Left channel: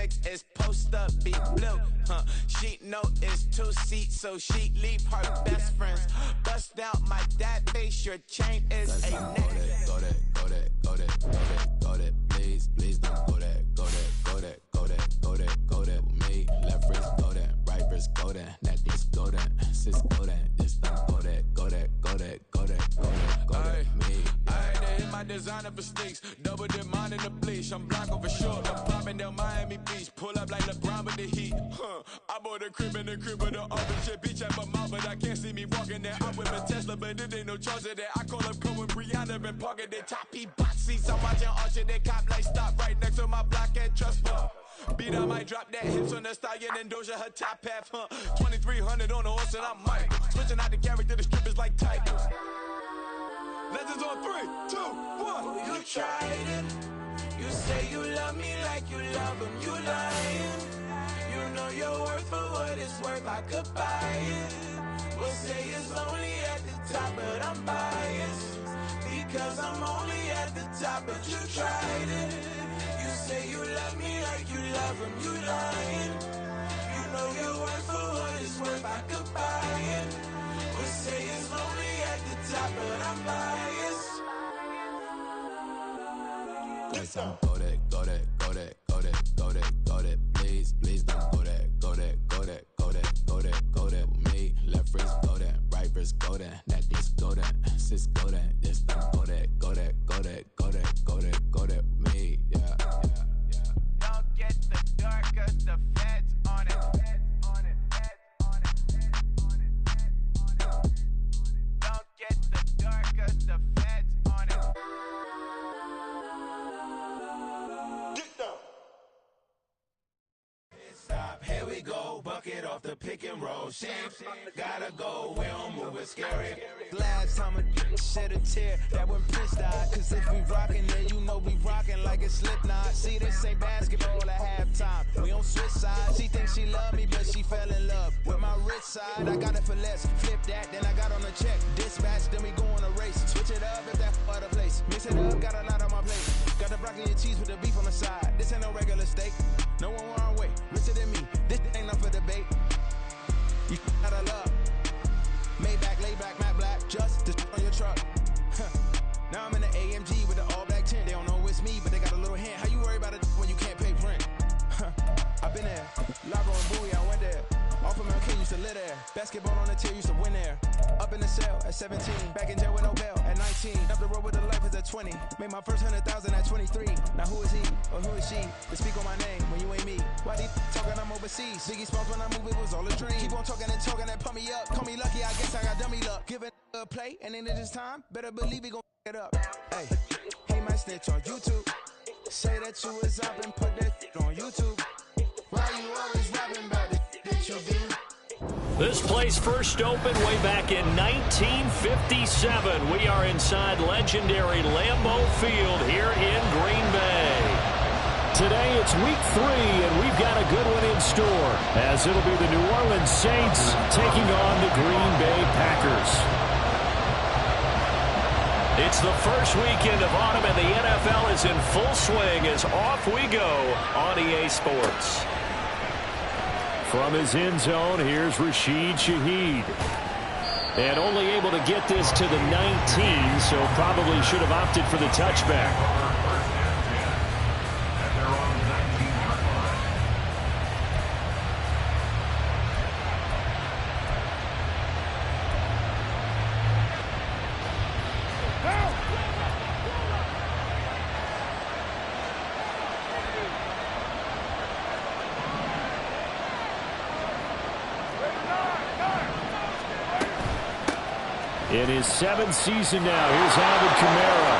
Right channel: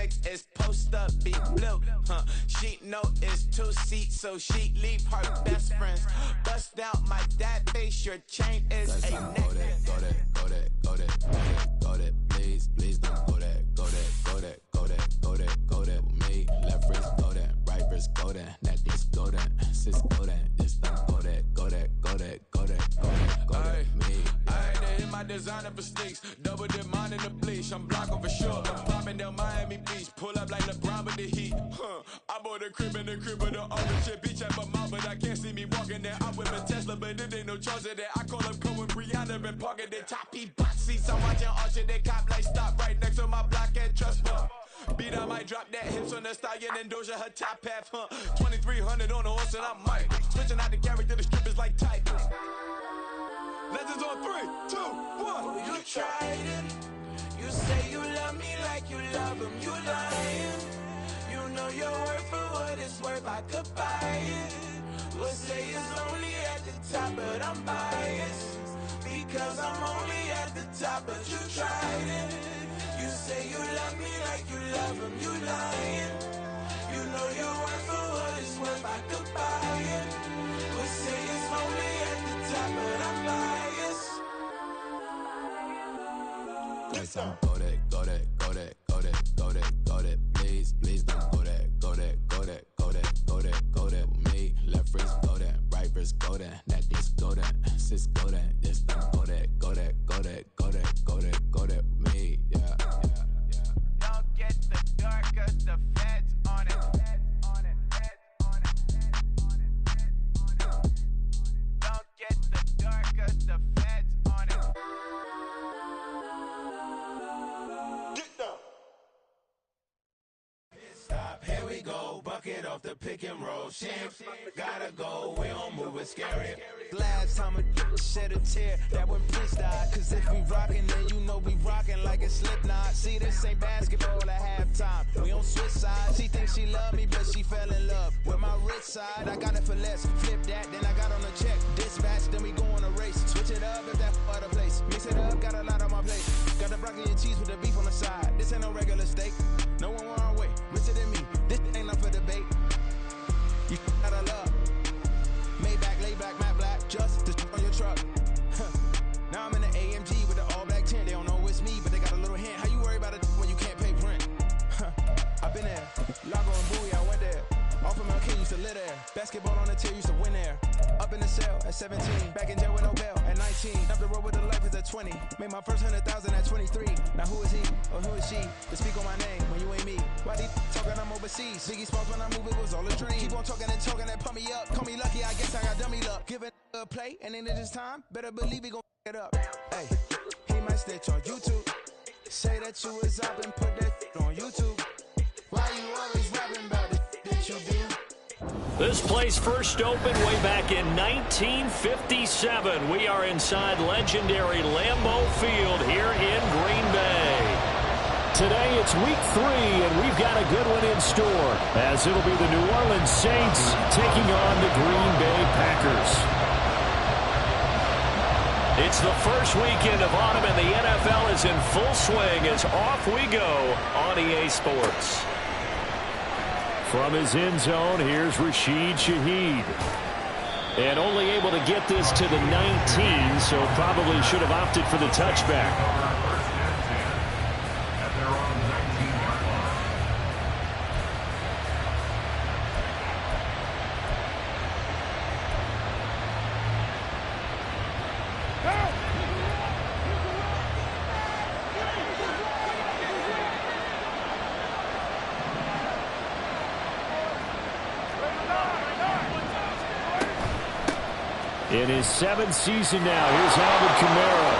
mix is post up, be blue. She know it's 2 seats, so she leave her best friends. Bust out my dad face, your chain is a neck. Go that, please don't go that with me. Left wrist go that, right wrist go that, that this go that, sis go that, this don't go that me. I had to hit my designer for sneaks, double the mine in the bleach. I'm Blanco for sure, I'm popping down Miami Beach, pull up like LeBron with the heat. I bought a crib in the crib with the orange shit, beach at my mouth, but I can't see me walking there. I'm with a Tesla, but it ain't no charge of that. I call up Cohen, Brianna, and parking their top box seats. I'm watching Archer, they cop like stop right next to my block at Trust Fund. Beat, I might drop that hips on the stallion and Doja her top half, 2300 on the horse and I'm Mike. Switching out the character, the strippers like Tigers. Legends on 3, 2, 1. You tried it. You say you love me like you love him. You lying. You know your worth for what it's worth. I could buy it. We'll say it's lonely at the top, but I'm biased because I'm only at the top. But you tried it. You say you love me like you love him. You lying. You know your worth for what it's worth. I could buy it. We'll say it's lonely at the top, but I'm biased. Go that, please don't go that with me. Left wrist go that, right wrist go that, that this go that, sis go that, this don't go that with me. Yeah. Don't get the dark, cause the feds on it. Don't get the dark, cause the feds on it. Get down. Stop, here we go, bucket off the pick and roll. Shit, gotta go, we don't move, it's scary. Last time a shed a tear, that when Prince died. Cause if we rockin', then you know we rockin' like it's Slipknot. See, this ain't basketball at halftime. We on switch sides. She thinks she love me, but she fell in love with my rich side. I got it for less. Flip that, then I got on a check. Dispatch, then we go on a race. Switch it up if that other place. Mix it up, got a lot on my plate. Got the broccoli and cheese with the beef on the side. This ain't no regular steak. No one wrong way, richer than me. This ain't up for debate. You got a love. Maybach, lay back, matte black, just to on your truck. Now I'm in the AMG with the all black tint. They don't know it's me, but they got a little hint. How you worry about it when you can't pay rent? I've been there. Lago and Bowie, I went there. Off of Mount King, used to live there. Basketball on the tier, used to win there. Up in the cell at 17. Back in jail with no bail at 19. Up the road with the life is at 20. Made my first 100,000 at 23. Now who is he or who is she to speak on my name when you ain't me? Why they talking I'm overseas? Biggie Smalls when I move, it was all a dream. Keep on talking and pump me up. Call me lucky, I guess I got dummy luck. Give it a play, and then it is time. Better believe he gon' it up. Hey, he might snitch on YouTube. Say that you was up and put that on YouTube. Why you always rapping about it that you do? This place first opened way back in 1957. We are inside legendary Lambeau Field here in Green Bay. Today it's week 3, and we've got a good one in store, as it'll be the New Orleans Saints taking on the Green Bay Packers. It's the first weekend of autumn, and the NFL is in full swing as off we go on EA Sports. From his end zone, here's Rashid Shaheed. And only able to get this to the 19, so probably should have opted for the touchback. At their own 19-yard line. In his 7th season now, here's Alvin Kamara.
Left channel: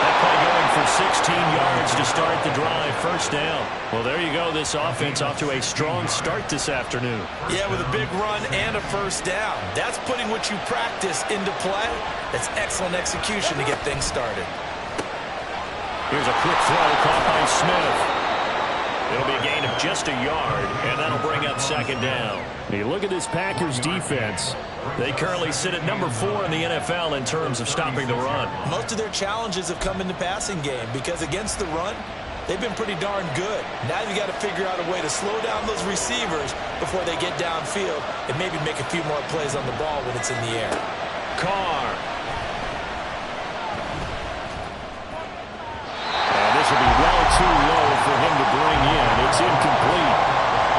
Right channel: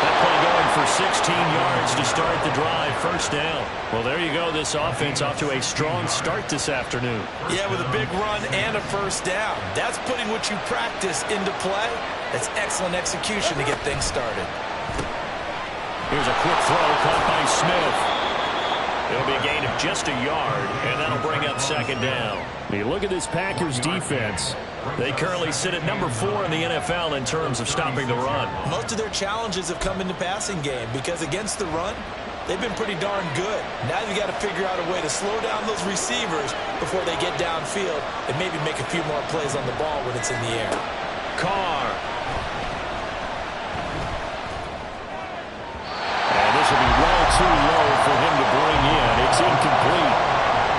That play going for 16 yards to start the drive, first down. Well, there you go. This offense off to a strong start this afternoon. Yeah, with a big run and a first down. That's putting what you practice into play. That's excellent execution to get things started. Here's a quick throw caught by Smith. It'll be a gain of just a yard, and that'll bring up second down. Hey, look at this Packers defense. They currently sit at number 4 in the NFL in terms of stopping the run. Most of their challenges have come in the passing game because against the run, they've been pretty darn good. Now you got to figure out a way to slow down those receivers before they get downfield and maybe make a few more plays on the ball when it's in the air. Carr. And this will be well too low for him to bring in. It's incomplete.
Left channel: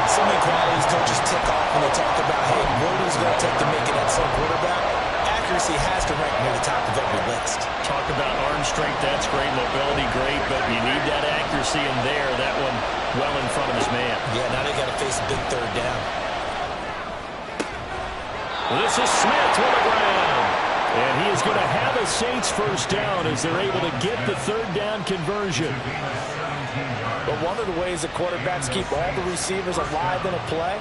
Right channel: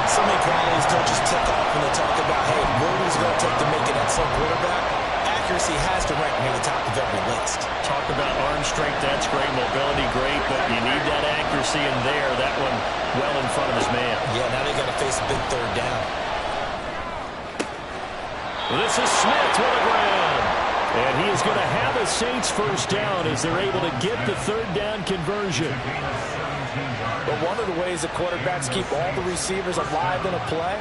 So many qualities coaches tick off when they talk about, hey, what is it going to take to make an excellent quarterback? Accuracy has to rank near the top of every list. Talk about arm strength, that's great. Mobility, great. But you need that accuracy in there. That one well in front of his man. Yeah, now they got to face a big third down. This is Smith with a grab. And he is going to have a Saints first down as they're able to get the third down conversion. But one of the ways that quarterbacks keep all the receivers alive in a play,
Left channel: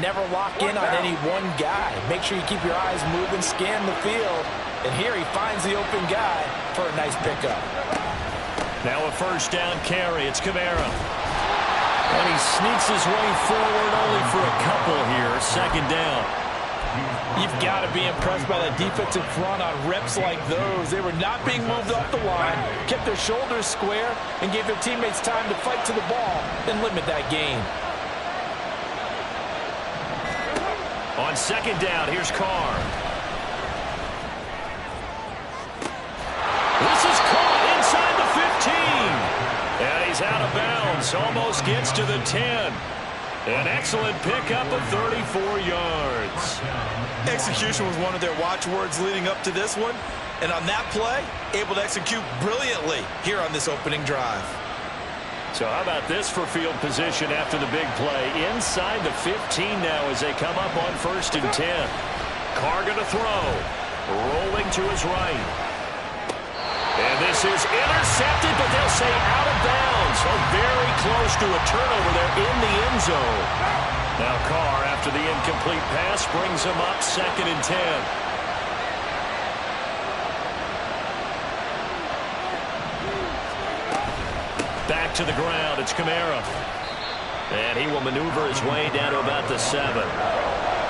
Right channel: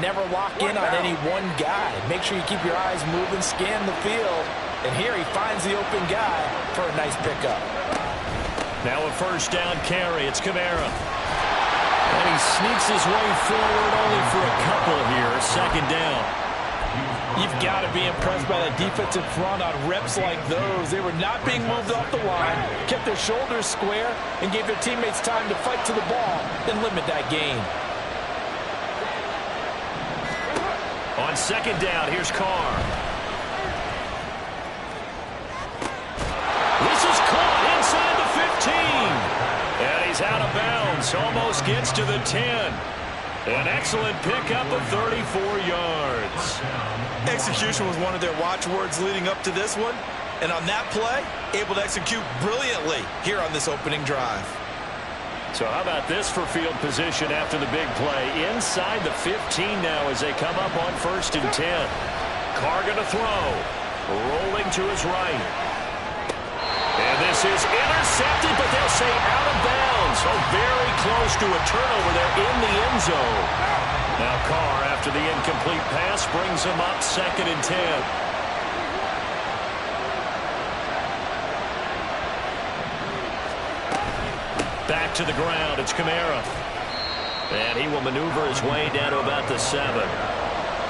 never lock in on any one guy. Make sure you keep your eyes moving, scan the field. And here he finds the open guy for a nice pickup. Now a first down carry. It's Kamara. And he sneaks his way forward only for a couple here. Second down. You've got to be impressed by that defensive front on reps like those. They were not being moved off the line, kept their shoulders square, and gave their teammates time to fight to the ball and limit that gain. On second down, here's Carr. This is caught inside the 15. And he's out of bounds. Almost gets to the 10. An excellent pickup of 34 yards. Execution was one of their watchwords leading up to this one. And on that play, able to execute brilliantly here on this opening drive. So how about this for field position after the big play? Inside the 15 now as they come up on 1st and 10. Carr going to throw. Rolling to his right. And this is intercepted, but they'll say out of bounds. Oh, very close to a turnover there in the end zone. Now Carr, after the incomplete pass, brings him up 2nd and 10. Back to the ground, it's Kamara. And he will maneuver his way down to about the 7.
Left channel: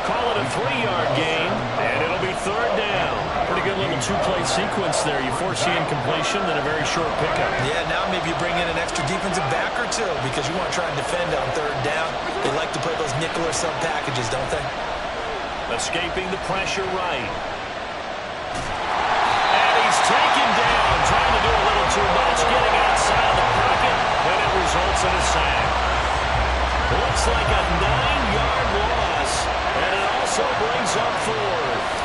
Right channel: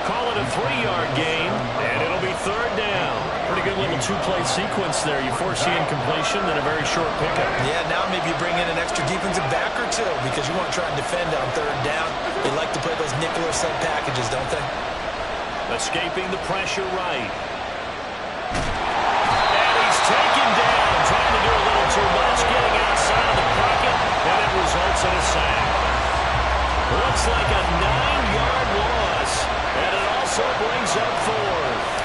Call it a 3-yard gain, and it'll be 3rd down. Pretty good little two-play sequence there. You force the incompletion, then a very short pickup. Yeah, now maybe you bring in an extra defensive back or two because you want to try and defend on 3rd down. They like to play those nickel or sub packages, don't they? Escaping the pressure right. And he's taken down, trying to do a little too much, getting outside of the pocket, and it results in a sack. Looks like a 9-yard loss, and it also brings up 4th.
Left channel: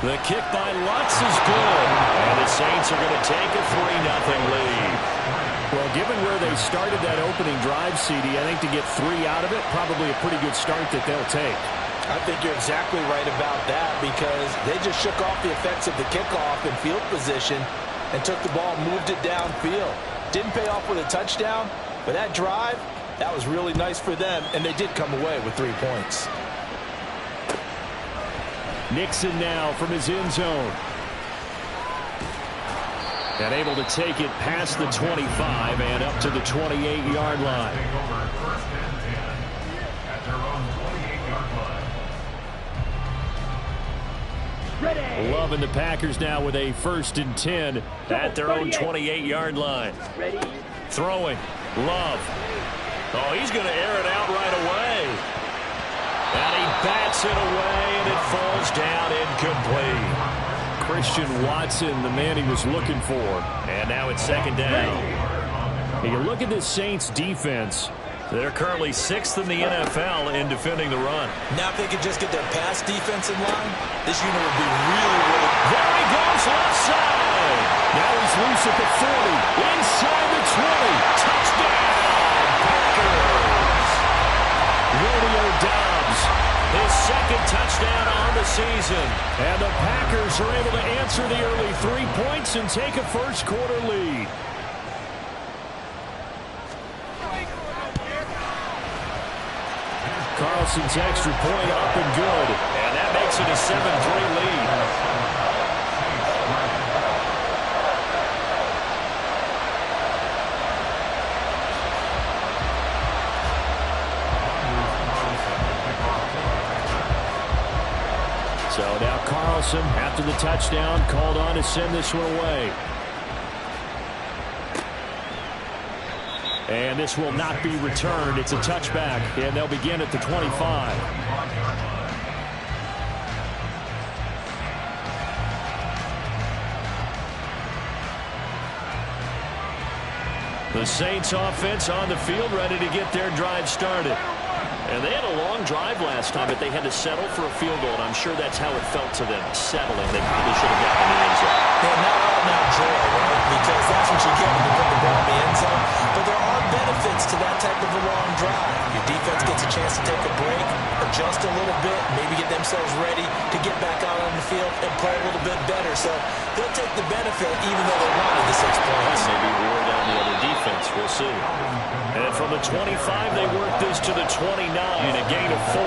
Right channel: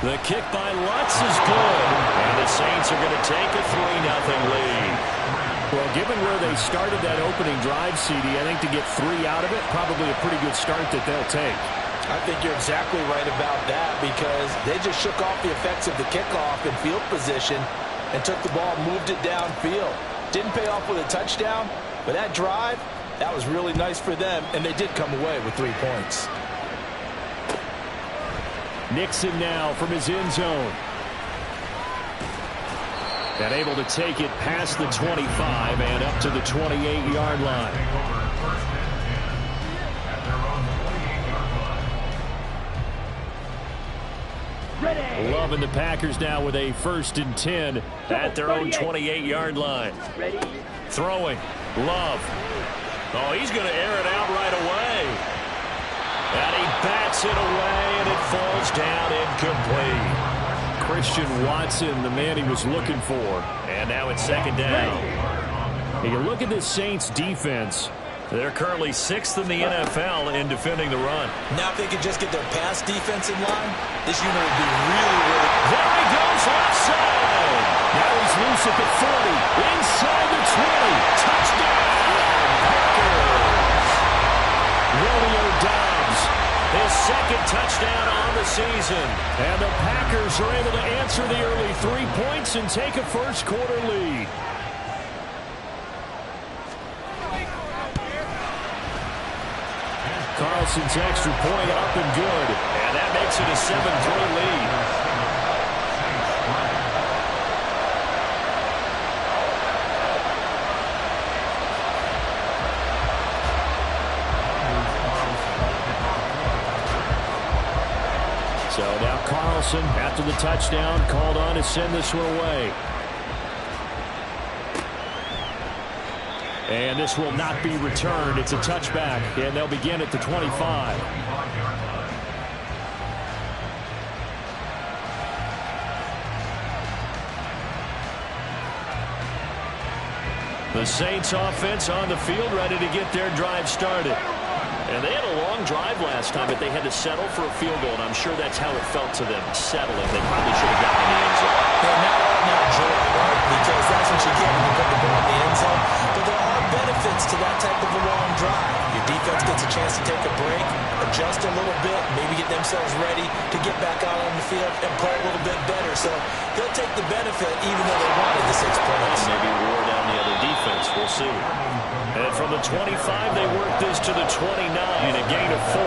The kick by Lutz is good, and the Saints are going to take a 3-0 lead. Well, given where they started that opening drive, CD, I think to get 3 out of it, probably a pretty good start that they'll take. I think you're exactly right about that because they just shook off the effects of the kickoff in field position and took the ball, moved it downfield. Didn't pay off with a touchdown, but that drive, that was really nice for them, and they did come away with 3 points. Nixon now from his end zone. And able to take it past the 25 and up to the 28-yard line. Loving the Packers now with a 1st and 10 at their own 28-yard line. Throwing. Love. Oh, he's going to air it out right away. And he bats it away, and it falls down incomplete. Christian Watson, the man he was looking for. And now it's 2nd down. You look at this Saints defense. They're currently 6th in the NFL in defending the run. Now if they could just get their pass defense in line, this unit would be really... There he goes, left side. Now he's loose at the 40, inside the 20. Touchdown, Packers. Romeo Doubs, his 2nd touchdown on the season. And the Packers are able to answer the early 3 points and take a first-quarter lead. Carlson's extra point up and good. And that makes it a 7-3 lead. So now Carlson, after the touchdown, called on to send this one away. And this will not be returned. It's a touchback, and they'll begin at the 25. The Saints offense on the field, ready to get their drive started. And they had a long drive last time, but they had to settle for a field goal, and I'm sure that's how it felt to them, settling. They probably should have gotten in the end zone. Yeah, not all now joy, right? Because that's what you get when you put the ball in the end zone. But there are benefits to that type of a long drive. Your defense gets a chance to take a break, adjust a little bit, maybe get themselves ready to get back out on the field and play a little bit better. So they'll take the benefit even though they wanted the 6 points. And maybe wore down the other defense. We'll see. And from the 25, they work this to the 29, a gain of 4.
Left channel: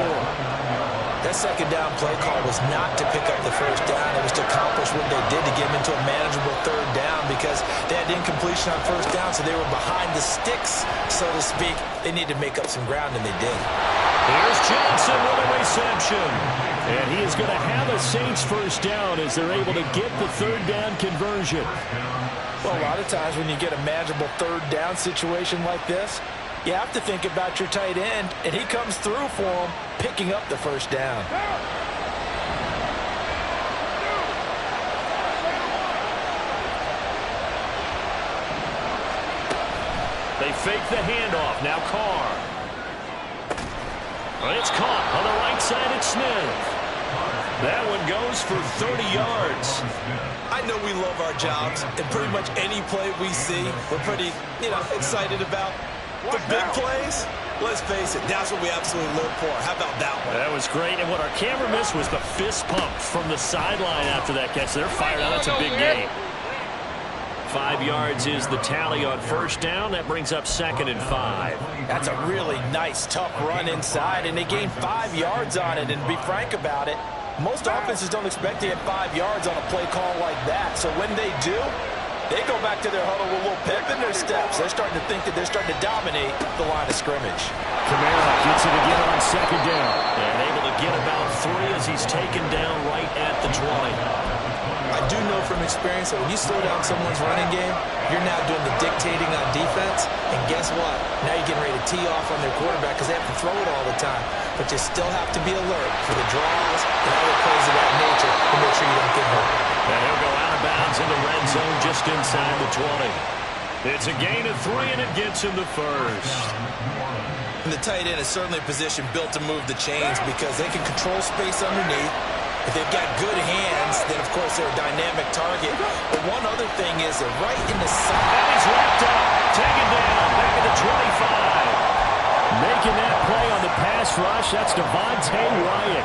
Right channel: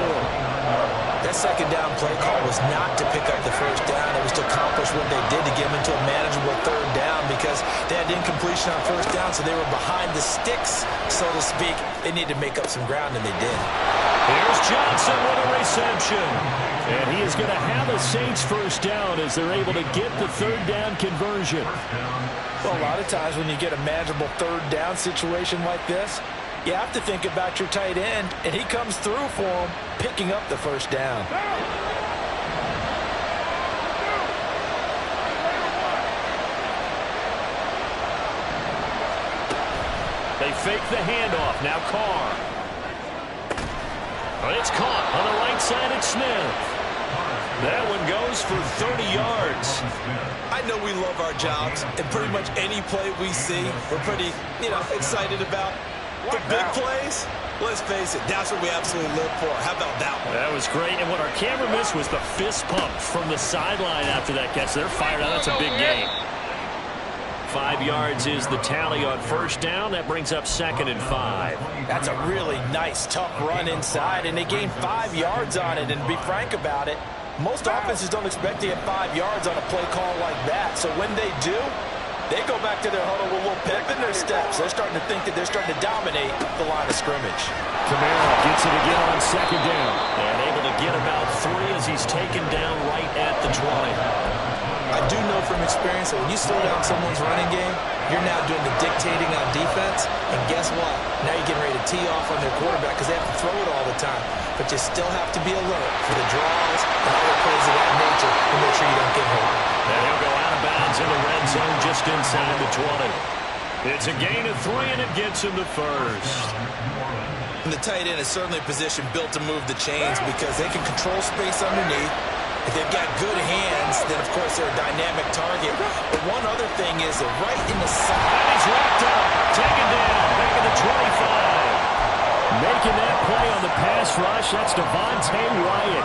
That second down play call was not to pick up the first down. It was to accomplish what they did to get them into a manageable third down because they had incompletion on first down, so they were behind the sticks, so to speak. They needed to make up some ground, and they did. Here's Johnson with a reception. And he is going to have a Saints first down as they're able to get the third down conversion. Well, a lot of times when you get a manageable third down situation like this, you have to think about your tight end, and he comes through for him, picking up the first down. They fake the handoff. Now Carr. It's caught on the right side at Smith. That one goes for 30 yards. I know we love our jobs, and pretty much any play we see, we're pretty, excited about. The big plays, let's face it, that's what we absolutely live for. How about that one? That was great, and what our camera missed was the fist pump from the sideline after that catch. They're fired out. That's a big gain. 5 yards is the tally on first down. That brings up 2nd and 5. That's a really nice, tough run inside, and they gained 5 yards on it. And to be frank about it, most offenses don't expect to get 5 yards on a play call like that. So when they do, they go back to their huddle with a little pep in their steps. They're starting to think that they're starting to dominate the line of scrimmage. Kamara gets it again on 2nd down. And able to get about 3 as he's taken down right at the 20. I do know from experience that when you slow down someone's running game, you're now doing the dictating on defense. And guess what? Now you're getting ready to tee off on their quarterback because they have to throw it all the time. But you still have to be alert for the draws and other plays of that nature to make sure you don't get hurt. And he'll go out of bounds in the red zone just inside the 20. It's a gain of 3, and it gets him the first. And the tight end is certainly a position built to move the chains because they can control space underneath. If they've got good hands, then, of course, they're a dynamic target. But one other thing is they're right in the side. And he's wrapped up, taken down, back at the 25. Making that play on the pass rush, that's Devontae Wyatt.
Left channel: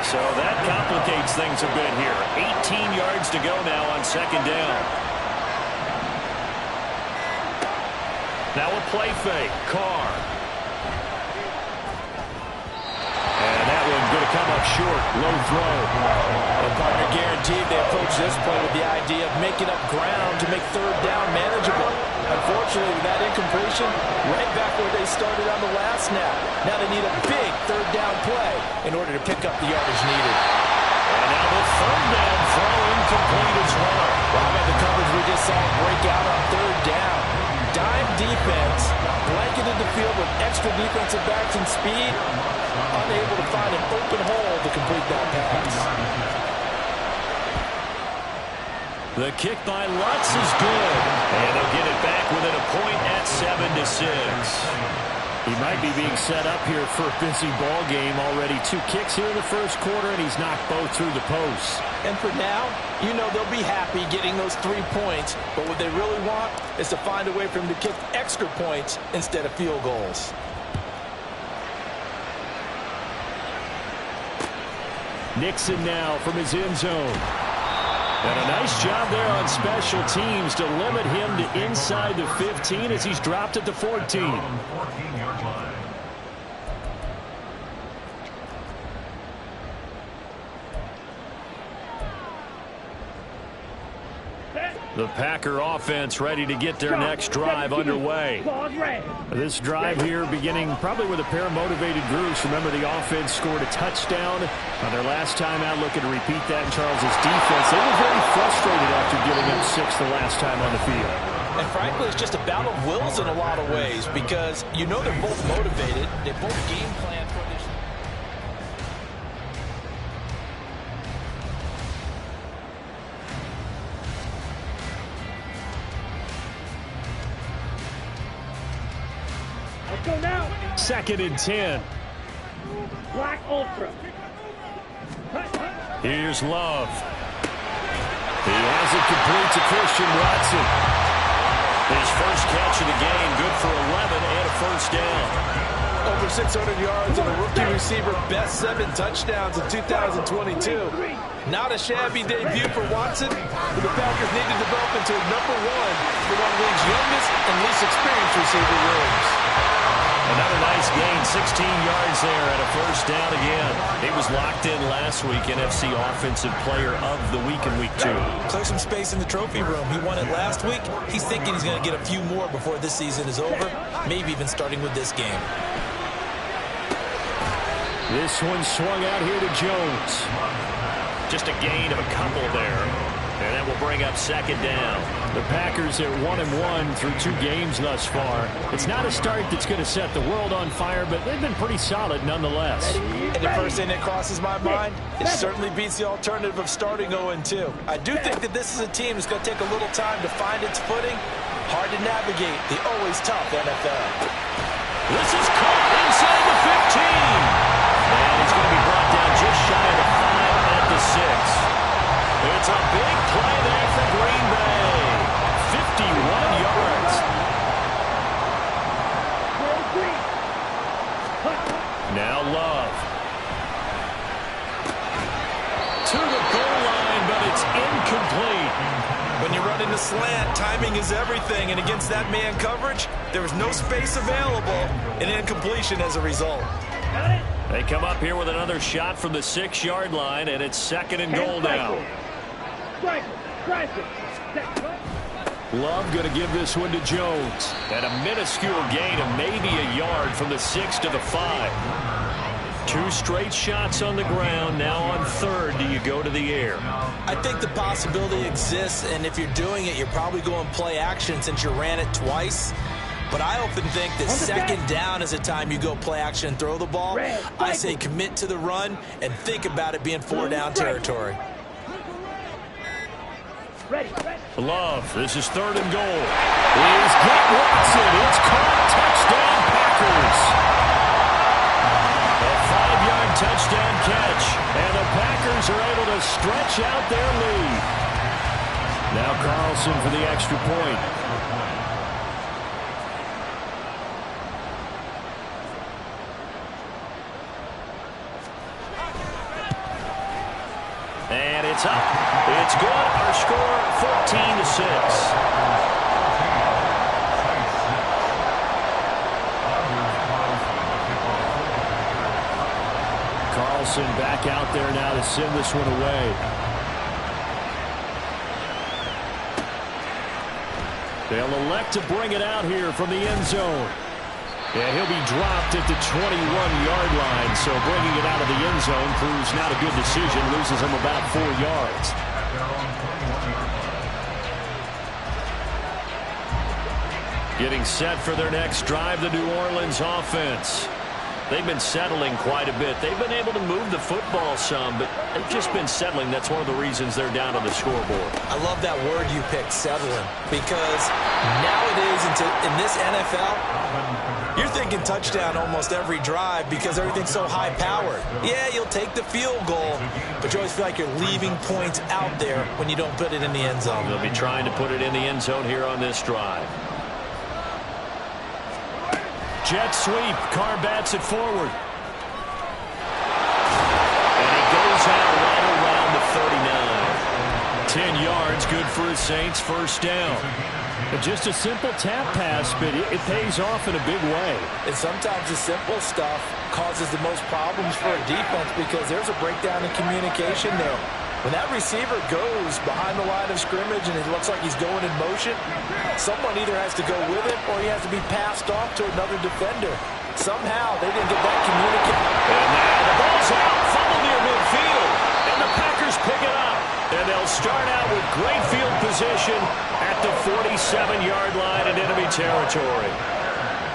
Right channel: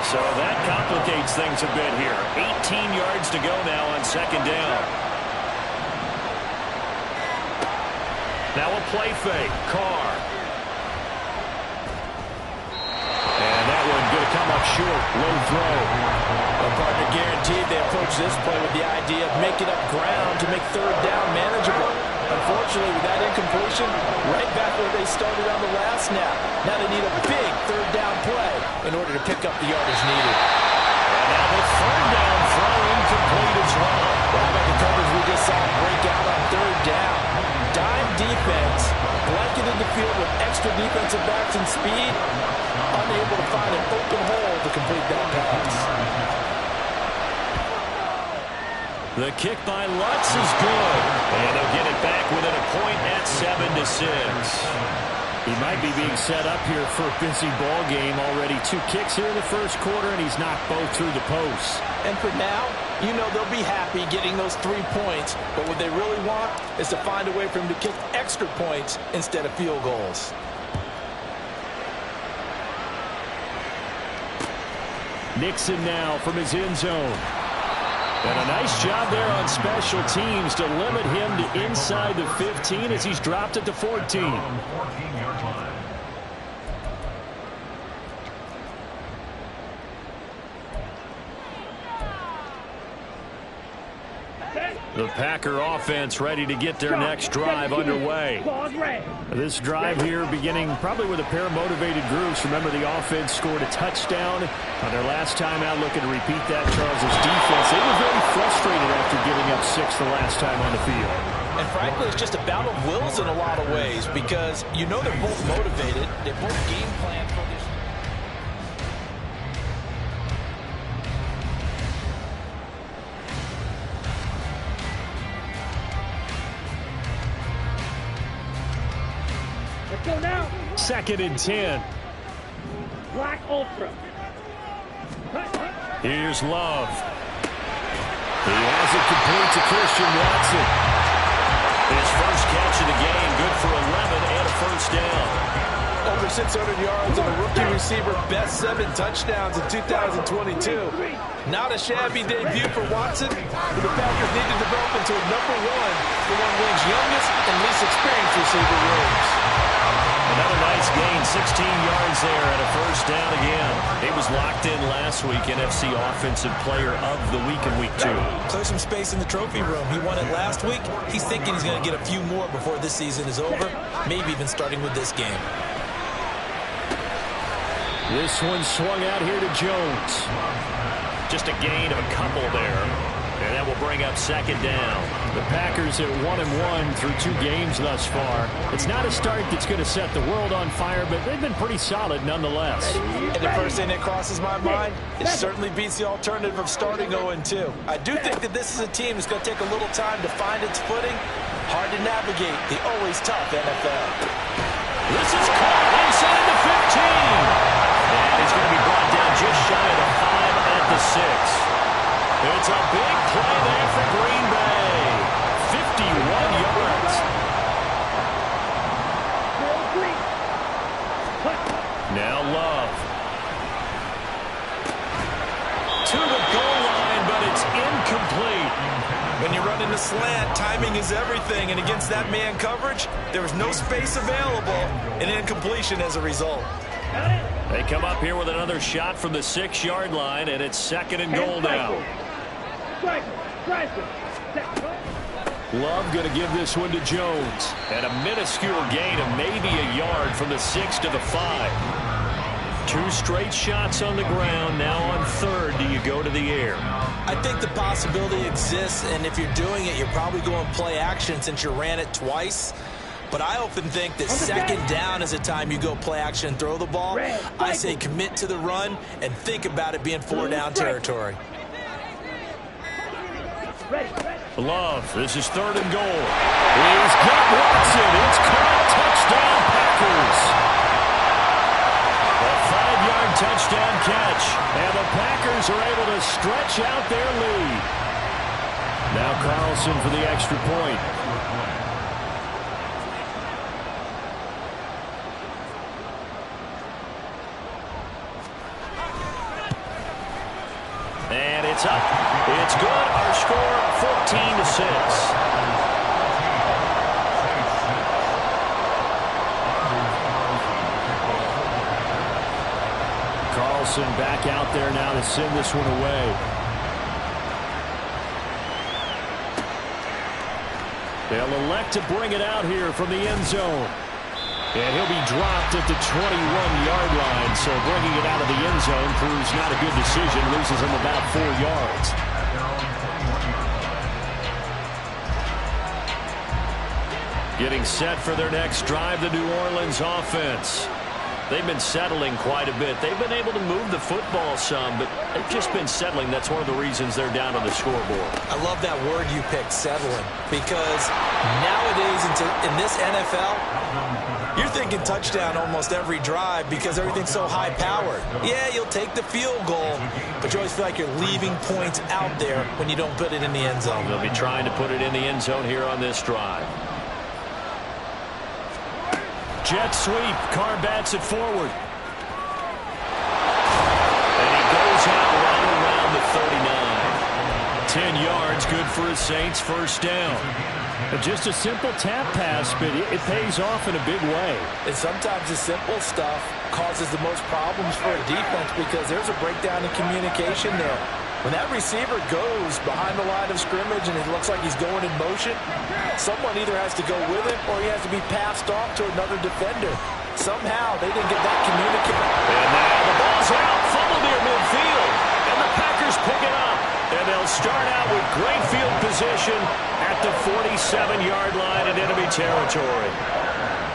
So that complicates things a bit here. 18 yards to go now on 2nd down. Now a play fake. Carr. And that one going to come up short. Low throw. Well, partner, guaranteed they approach this play with the idea of making up ground to make third down manageable. Unfortunately, with that incompletion, right back where they started on the last snap. Now they need a big third down play in order to pick up the yardage needed. And now the third down throw incomplete as well. Well, how about the coverage we just saw break out on third down? Dime defense, blanketed the field with extra defensive backs and speed, unable to find an open hole to complete that pass. The kick by Lutz is good. And they'll get it back within a point at 7-6. He might be being set up here for a busy ball game. Already 2 kicks here in the first quarter, and he's knocked both through the posts. And for now, they'll be happy getting those 3 points. But what they really want is to find a way for him to kick extra points instead of field goals. Nixon now from his end zone. And a nice job there on special teams to limit him to inside the 15 as he's dropped at the 14. The Packer offense ready to get their next drive underway. This drive here beginning probably with a pair of motivated groups. Remember, the offense scored a touchdown on their last time out. Looking to repeat that. Charles's defense, they were very frustrated after giving up 6 the last time on the field. And frankly, it's just a battle of wills in a lot of ways because you know they're both motivated. They both game plan for this. Let's go now. 2nd and 10. Black Ultra. Here's Love. He has it complete to Christian Watson. His first catch of the game, good for 11 and a first down. Over 600 yards and a rookie receiver, best 7 touchdowns in 2022. Not a shabby debut for Watson, who the Packers need to develop into a #1 for one of the league's youngest and least experienced receiver rooms. Another nice gain, 16 yards there and a first down again. He was locked in last week, NFC Offensive Player of the Week in Week 2. Clear some space in the trophy room. He won it last week. He's thinking he's going to get a few more before this season is over, maybe even starting with this game. This one swung out here to Jones. Just a gain of a couple there. And that will bring up 2nd down. The Packers at 1-1 through 2 games thus far. It's not a start that's going to set the world on fire, but they've been pretty solid nonetheless. And the first thing that crosses my mind, it certainly beats the alternative of starting 0-2. I do think that this is a team that's going to take a little time to find its footing. Hard to navigate the always tough NFL. This is caught inside the 15. And he's going to be brought down just shy of the 5 at the 6. It's a big play there for Green Bay. 51 yards. Now Love. To the goal line, but it's incomplete. When you run in the slant, timing is everything. And against that man coverage, there was no space available, and incompletion as a result. They come up here with another shot from the 6-yard line, and it's 2nd and goal now. Love going to give this one to Jones. And a minuscule gain of maybe a yard from the 6 to the 5. 2 straight shots on the ground. Now on 3rd, do you go to the air? I think the possibility exists, and if you're doing it, you're probably going play action since you ran it twice. But I often think that 2nd down is a time you go play action and throw the ball. I say commit to the run and think about it being 4-down territory. Love, this is 3rd and goal. He's got Watson. It's caught. Touchdown, Packers. A 5-yard touchdown catch. And the Packers are able to stretch out their lead. Now Carlson for the extra point. And it's up. It's good. Our score, 14-6. Carlson back out there now to send this one away. They'll elect to bring it out here from the end zone. And he'll be dropped at the 21-yard line, so bringing it out of the end zone proves not a good decision, loses him about 4 yards. Getting set for their next drive, the New Orleans offense. They've been settling quite a bit. They've been able to move the football some, but they've just been settling. That's one of the reasons they're down on the scoreboard. I love that word you picked, settling, because nowadays in this NFL, you're thinking touchdown almost every drive because everything's so high-powered. Yeah, you'll take the field goal, but you always feel like you're leaving points out there when you don't put it in the end zone. They'll be trying to put it in the end zone here on this drive. Jet sweep. Carr bats it forward. And he goes out right around the 39. 10 yards, good for his Saints, first down. Just a simple tap pass, but it pays off in a big way. And sometimes the simple stuff causes the most problems for a defense because there's a breakdown in communication there. When that receiver goes behind the line of scrimmage and it looks like he's going in motion, someone either has to go with him or he has to be passed off to another defender. Somehow they didn't get that communication. And now the ball's out, fumbled near midfield, and the Packers pick it up. And they'll start out with great field position at the 47-yard line in enemy territory.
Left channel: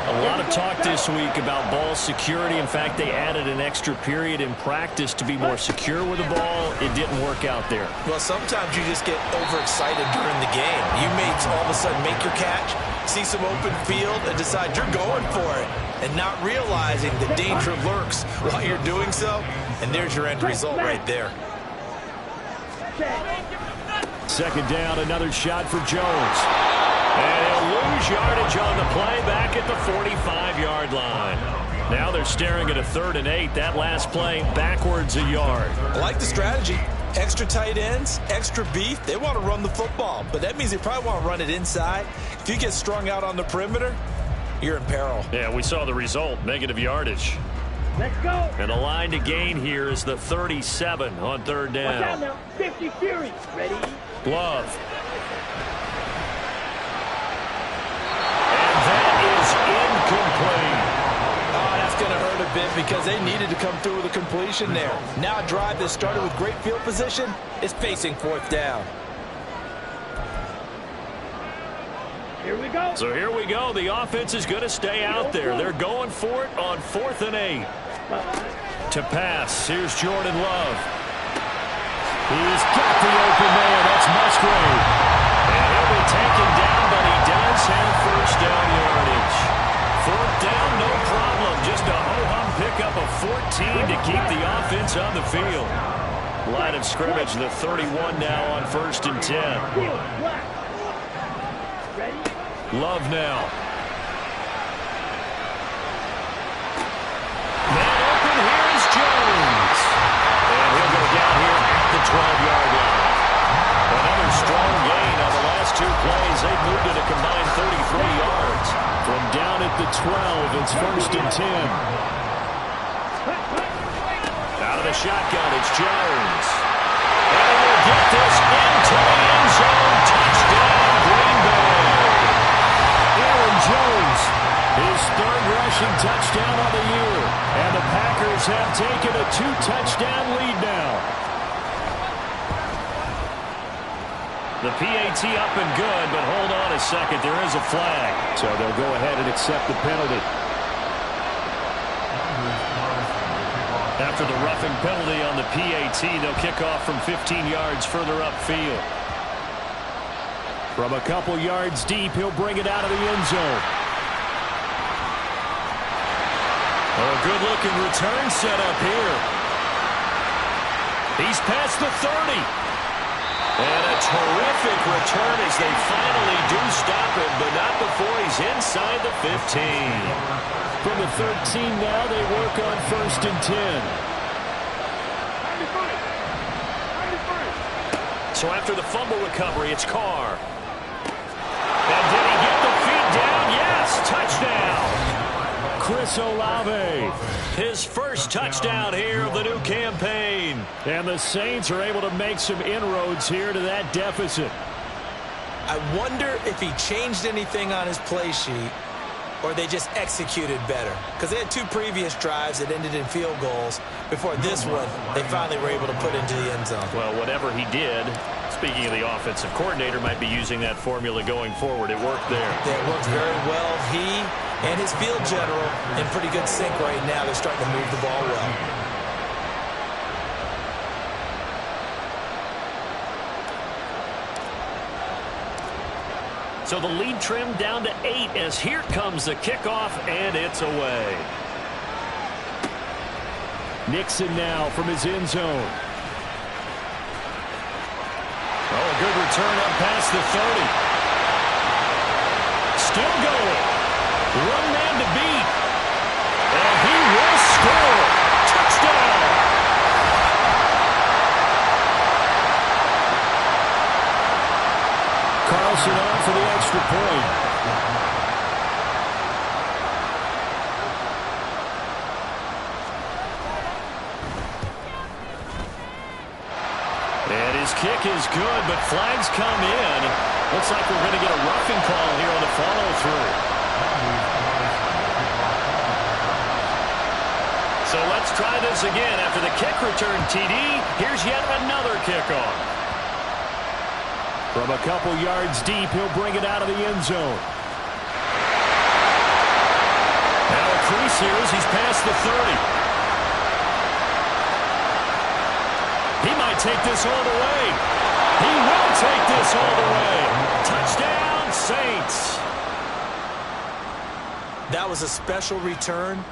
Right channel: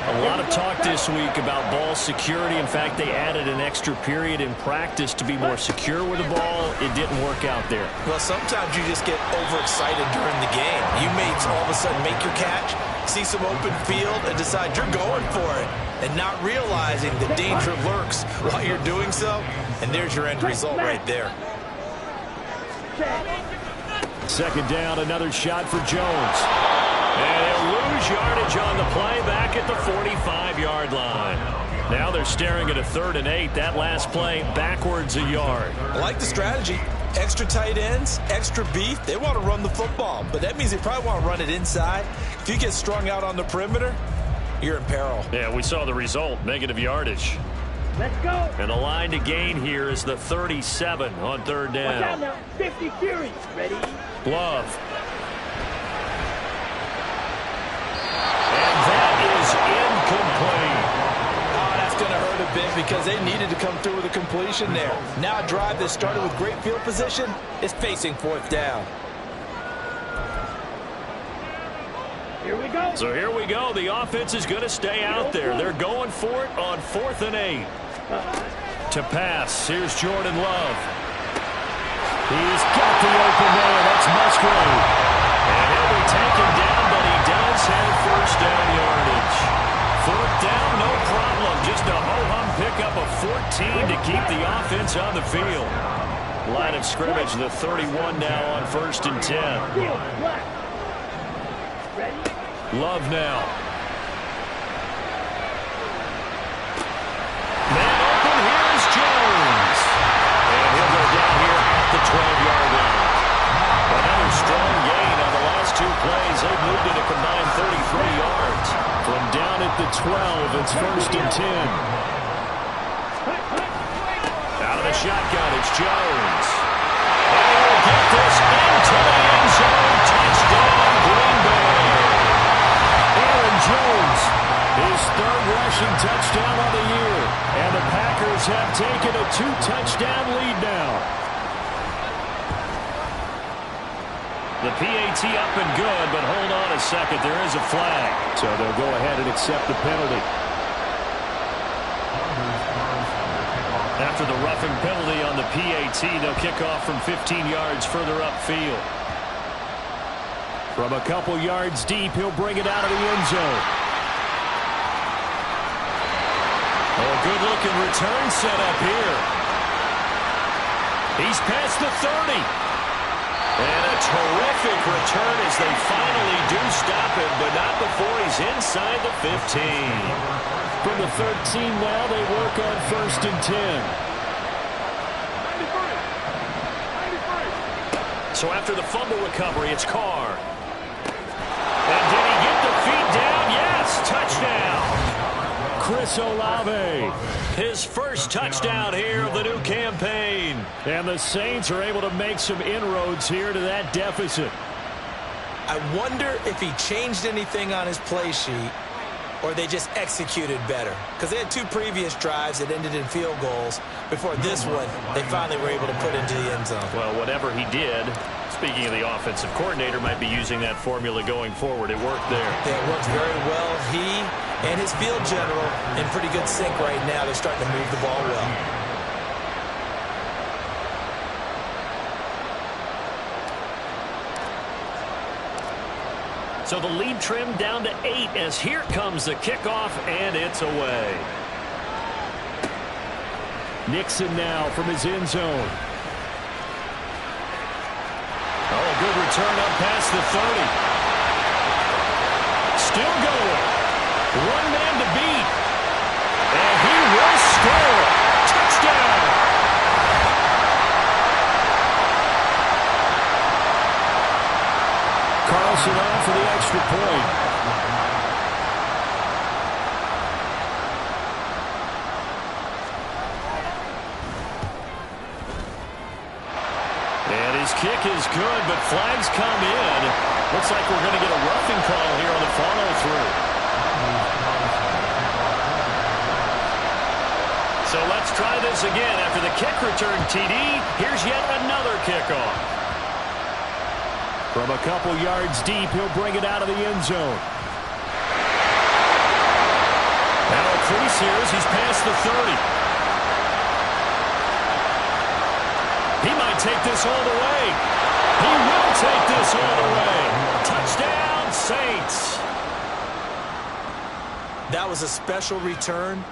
A lot of talk this week about ball security. In fact, they added an extra period in practice to be more secure with the ball. It didn't work out there. Well, sometimes you just get overexcited during the game. You may all of a sudden make your catch, see some open field, and decide you're going for it, and not realizing the danger lurks while you're doing so. And there's your end result right there. Second down, another shot for Jones. And he'll lose yardage on the play back at the 45-yard line. Now they're staring at a 3rd and 8. That last play backwards a yard. I like the strategy. Extra tight ends, extra beef. They want to run the football, but that means they probably want to run it inside. If you get strung out on the perimeter, you're in peril. Yeah, we saw the result, negative yardage. Let's go. And the line to gain here is the 37 on 3rd down. Watch out now. 50 Fury. Ready? Love. And that is incomplete. Oh, that's going to hurt a bit because they needed to come through with a completion there. Now a drive that started with great field position is facing 4th down. Here we go. So here we go. The offense is going to stay out there. They're going for it on 4th and 8. To pass. Here's Jordan Love. He's got the open man. That's Musgrave. And he'll be taken down, but he does have 1st down yardage. 4th down, no problem. Just a ho-hum pickup of 14 to keep the offense on the field. Line of scrimmage, the 31 now on 1st and 10. Ready? Love now. Man open, here is Jones. And he'll go down here at the 12-yard line. Another strong gain on the last 2 plays. They've moved it a combined 33 yards. From down at the 12, it's 1st and 10. Out of the shotgun, it's Jones. And he will get this into the end zone. Touchdown, Green Bay. Aaron Jones, his 3rd rushing touchdown of the year. And the Packers have taken a 2-touchdown lead now. The PAT up and good, but hold on a second. There is a flag. So they'll go ahead and accept the penalty. After the roughing penalty on the PAT, they'll kick off from 15 yards further upfield. From a couple yards deep, he'll bring it out of the end zone. Oh, good-looking return set up here. He's past the 30. And a terrific return as they finally do stop him, but not before he's inside the 15. From the 13 now, they work on 1st and 10. So after the fumble recovery, it's Carr. And did he get the feet down? Yes, touchdown. Chris Olave, his 1st touchdown here of the new campaign. And the Saints are able to make some inroads here to that deficit. I wonder if he changed anything on his play sheet or they just executed better. Because they had 2 previous drives that ended in field goals. Before this one, they finally were able to put into the end zone. Well, whatever he did, speaking of the offensive coordinator, might be using that formula going forward. It worked there. Yeah, it worked very well. He and his field general in pretty good sync right now. They're starting to move the ball well. So the lead trimmed down to 8 as here comes the kickoff, and it's away. Nixon now from his end zone. Oh, a good return up past the 30. Still going. 1 man to beat. And he will score. Touchdown. Carlson on for the extra point. And his kick is good, but flags come in. Looks like we're going to get a roughing call here on the follow-through. So let's try this again. After the kick return TD, here's yet another kickoff. From a couple yards deep, he'll bring it out of the end zone. Now a crease here as he's past the 30. He might take this all the way. He will take this all the way. Touchdown, Saints. That was a special return,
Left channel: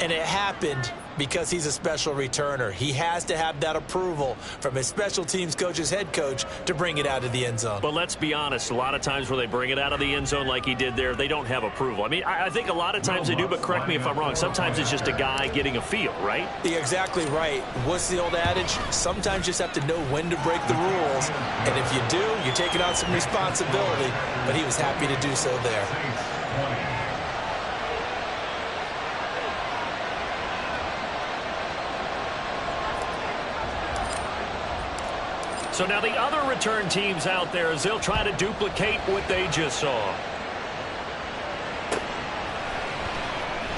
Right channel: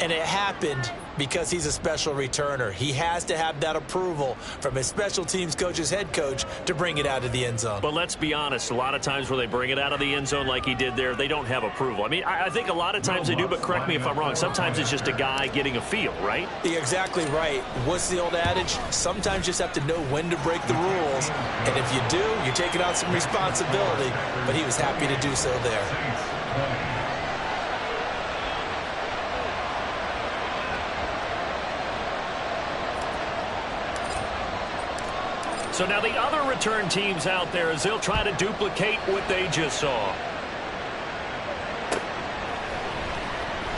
and it happened because he's a special returner. He has to have that approval from his special teams coach's head coach to bring it out of the end zone. But let's be honest, a lot of times where they bring it out of the end zone like he did there, they don't have approval. I mean, I think a lot of times they do, but correct me if I'm wrong. Sometimes it's just a guy getting a feel, right? You're exactly right. What's the old adage? Sometimes you just have to know when to break the rules. And if you do, you're taking on some responsibility. But he was happy to do so there. So now the other return teams out there as they'll try to duplicate what they just saw.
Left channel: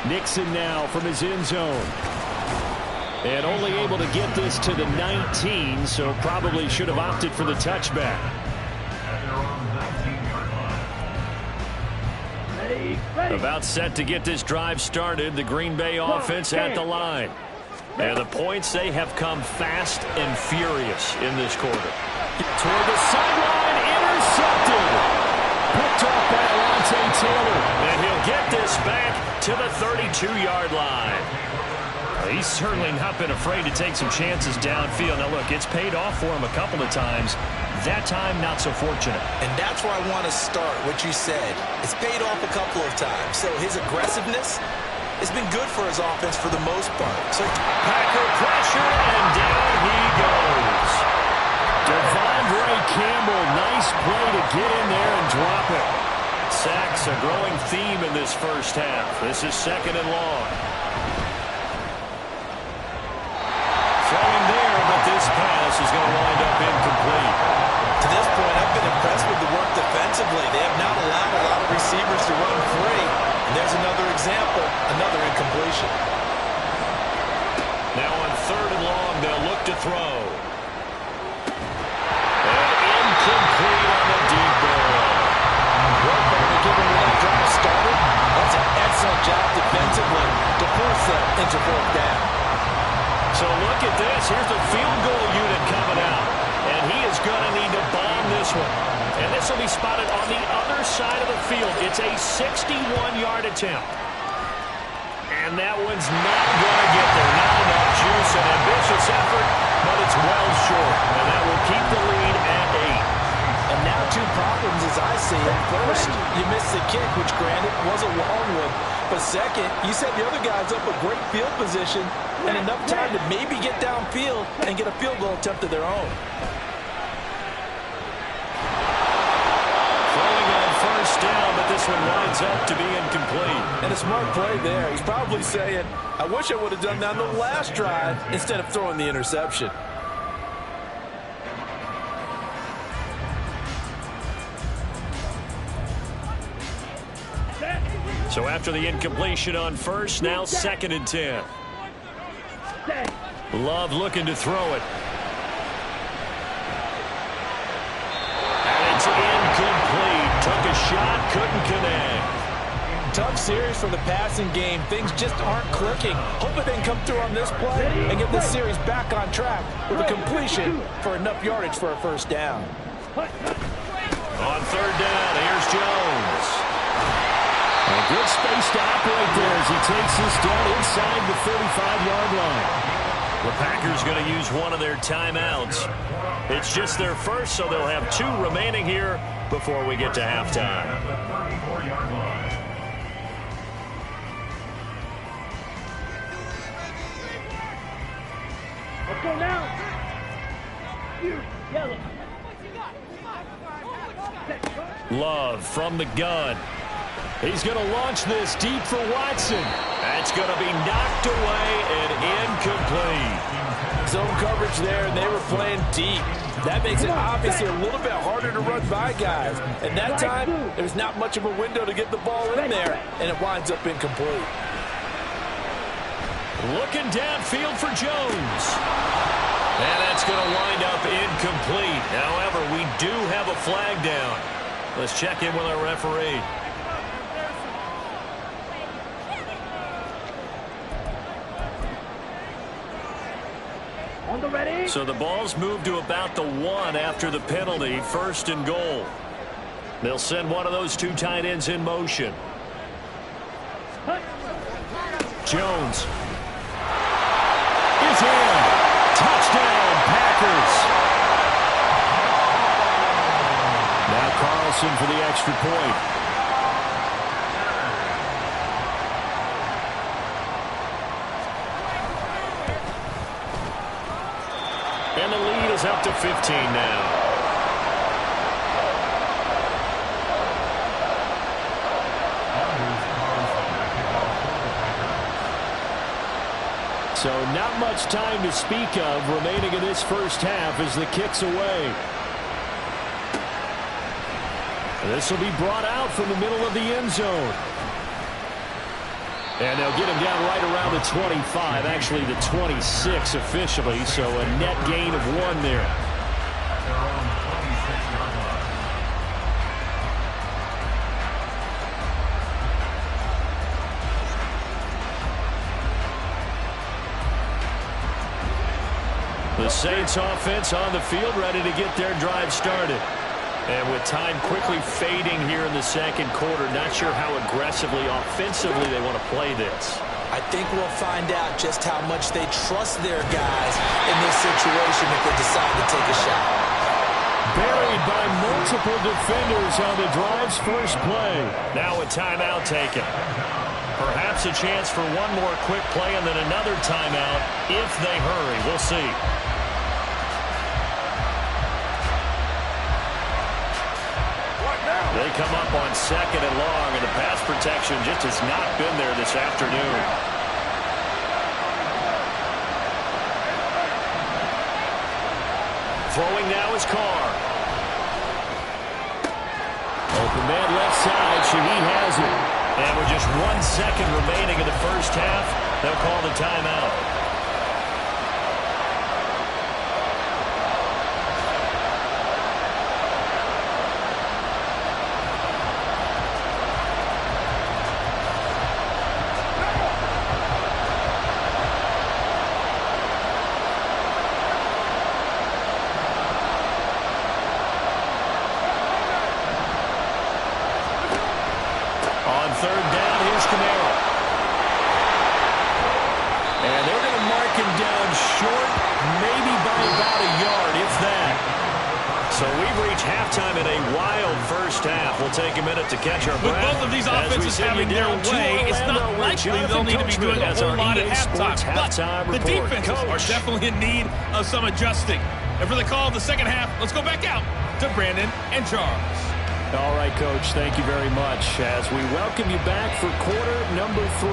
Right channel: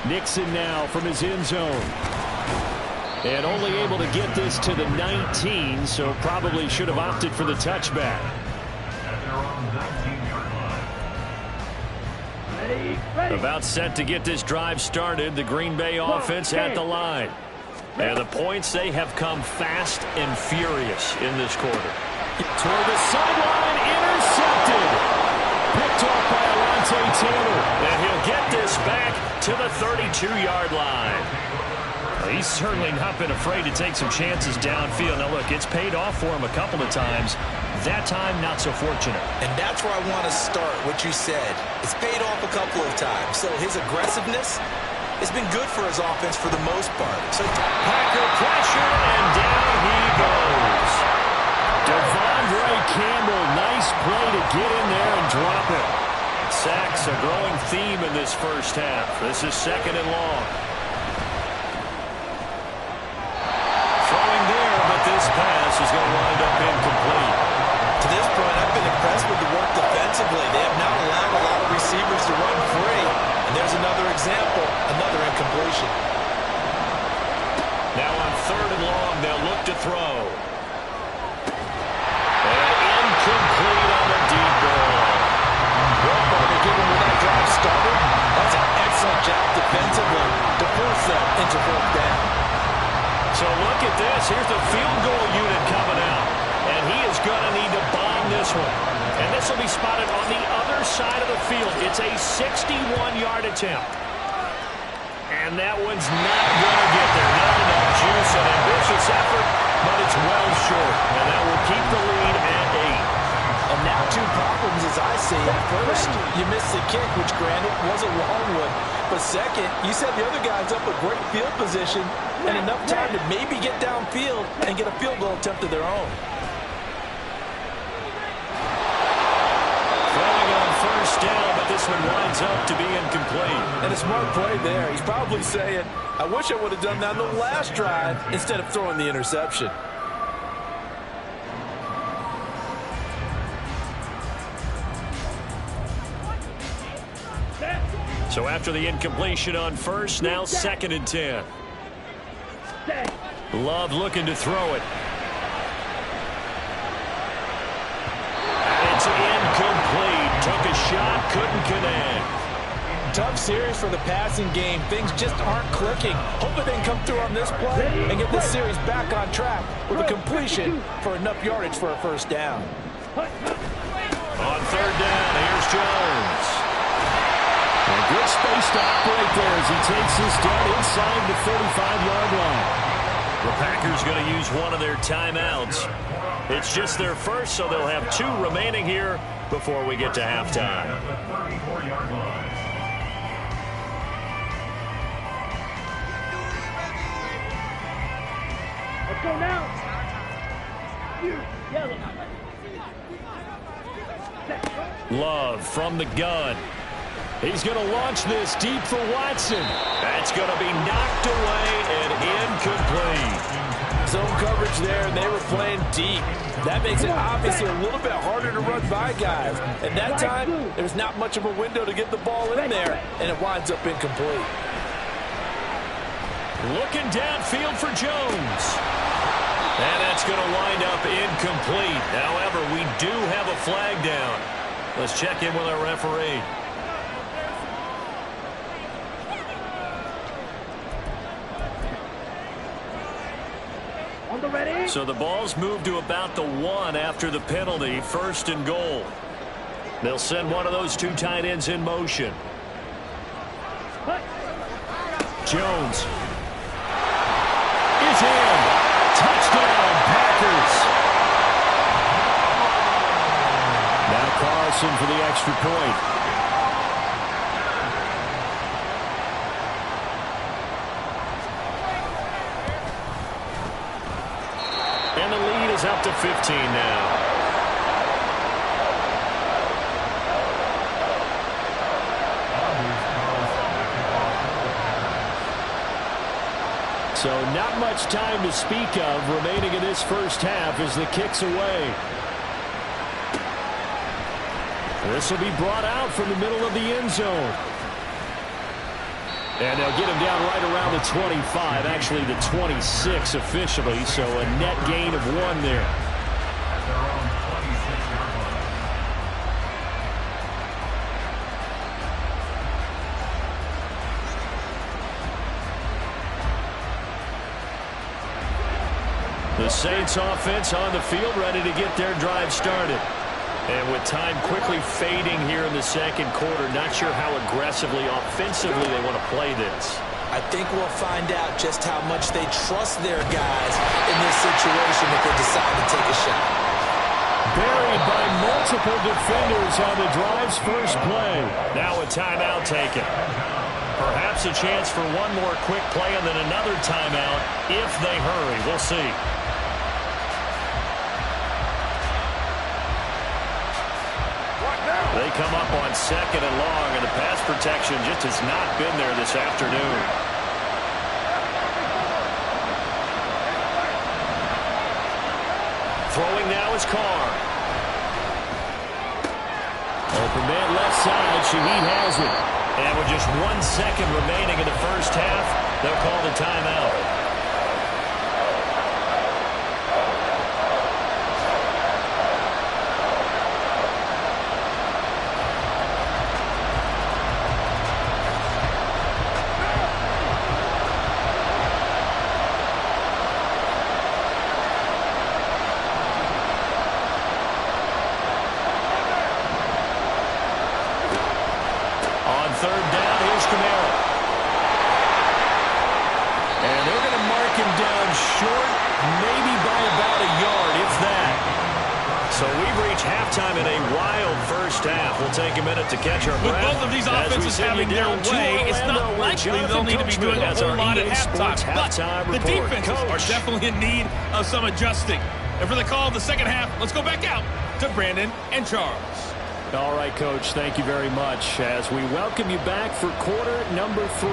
Nixon now from his end zone. And only able to get this to the 19, so probably should have opted for the touchback. About set to get this drive started, the Green Bay offense at the line. And the points, they have come fast and furious in this quarter. Toward the sideline, intercepted. Picked off by Alontae Taylor. And he'll get this back to the 32-yard line. He's certainly not been afraid to take some chances downfield. Now, look, it's paid off for him a couple of times. That time, not so fortunate. And that's where I want to start, what you said. It's paid off a couple of times. So his aggressiveness has been good for his offense for the most part. So Packer pressure, and down he goes. Devondre Campbell, nice play to get in there and drop it. Sacks, a growing theme in this first half. This is 2nd and long. Throwing there, but this pass is going to wind up incomplete. To this point, I've been impressed with the work defensively. They have not allowed a lot of receivers to run free. And there's another example, another incompletion. Now on 3rd and long, they'll look to throw. And incomplete on the deep ball. Well, partner, given where that drive started, that's an excellent job defensively to force them into 4th down. So look at this. Here's the field goal unit coming out. And he is going to need to bomb this one. And this will be spotted on the other side of the field. It's a 61-yard attempt. And that one's not going to get there. Not enough juice, an ambitious effort, but it's well short. And that will keep the lead at 8. And now 2 problems as I see it. First, you missed the kick, which granted was a long one. But second, you set the other guys up a great field position and enough time to maybe get downfield and get a field goal attempt of their own. Throwing on 1st down, but this one winds up to be incomplete. And a smart play there. He's probably saying, I wish I would have done that on the last drive instead of throwing the interception. So after the incompletion on 1st, now 2nd and 10. Love looking to throw it. And it's incomplete. Took a shot, couldn't connect. Tough series for the passing game. Things just aren't clicking. Hopefully they can come through on this play and get this series back on track with a completion for enough yardage for a 1st down. On 3rd down, here's Jones. And good space to operate there as he takes this down inside the 35-yard line. The Packers going to use one of their timeouts. It's just their first, so they'll have 2 remaining here before we get to halftime. Let's go now. Yellow. Love from the gun. He's going to launch this deep for Watson. That's going to be knocked away and incomplete. Zone coverage there, and they were playing deep. That makes it obviously a little bit harder to run by guys. And that time, there's not much of a window to get the ball in there, and it winds up incomplete. Looking downfield for Jones. And that's going to wind up incomplete. However, we do have a flag down. Let's check in with our referee. On the ready. So the ball's moved to about the 1 after the penalty, 1st and goal. They'll send one of those two tight ends in motion. Jones is in. Touchdown, Packers. Now Carlson for the extra point. And the lead is up to 15 now. So not much time to speak of remaining in this first half as the kick's away. This will be brought out from the middle of the end zone. And they'll get him down right around the 25, actually the 26 officially, so a net gain of 1 there. At their own 26-yard line. The Saints offense on the field, ready to get their drive started. And with time quickly fading here in the second quarter, not sure how aggressively, offensively they want to play this. I think we'll find out just how much they trust their guys in this situation if they decide to take a shot. Buried by multiple defenders on the drive's first play. Now a timeout taken. Perhaps a chance for one more quick play and then another timeout if they hurry. We'll see. They come up on 2nd and long, and the pass protection just has not been there this afternoon. Throwing now is Carr. Open man left side. Shaheed has it. And with just 1 second remaining in the first half, they'll call the timeout. On 3rd down, here's Kamara. And they're going to mark him down short, maybe by about a yard, if that. So we've reached halftime in a wild first half. We'll take a minute to catch our breath. With both of these offenses having their way, it's not likely they'll need to be doing a whole lot at halftime. But the defenses are definitely in need of some adjusting. And for the call of the second half, let's go back out to Brandon and Charles. All right, Coach, thank you very much as we welcome you back for quarter number 3.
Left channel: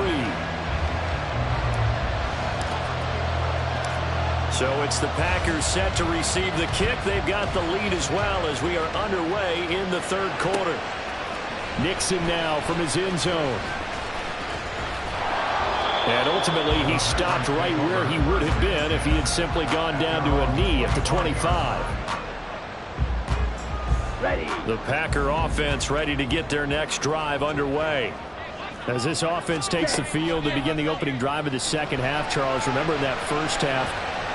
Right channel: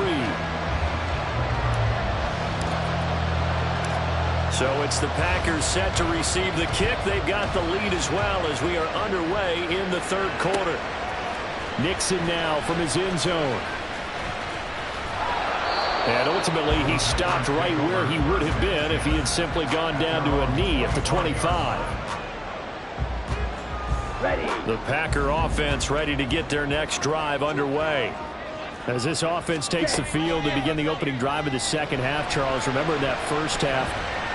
So it's the Packers set to receive the kick. They've got the lead as well as we are underway in the 3rd quarter. Nixon now from his end zone. And ultimately he stopped right where he would have been if he had simply gone down to a knee at the 25. Ready. The Packer offense ready to get their next drive underway. As this offense takes the field to begin the opening drive of the second half, Charles, remember in that first half,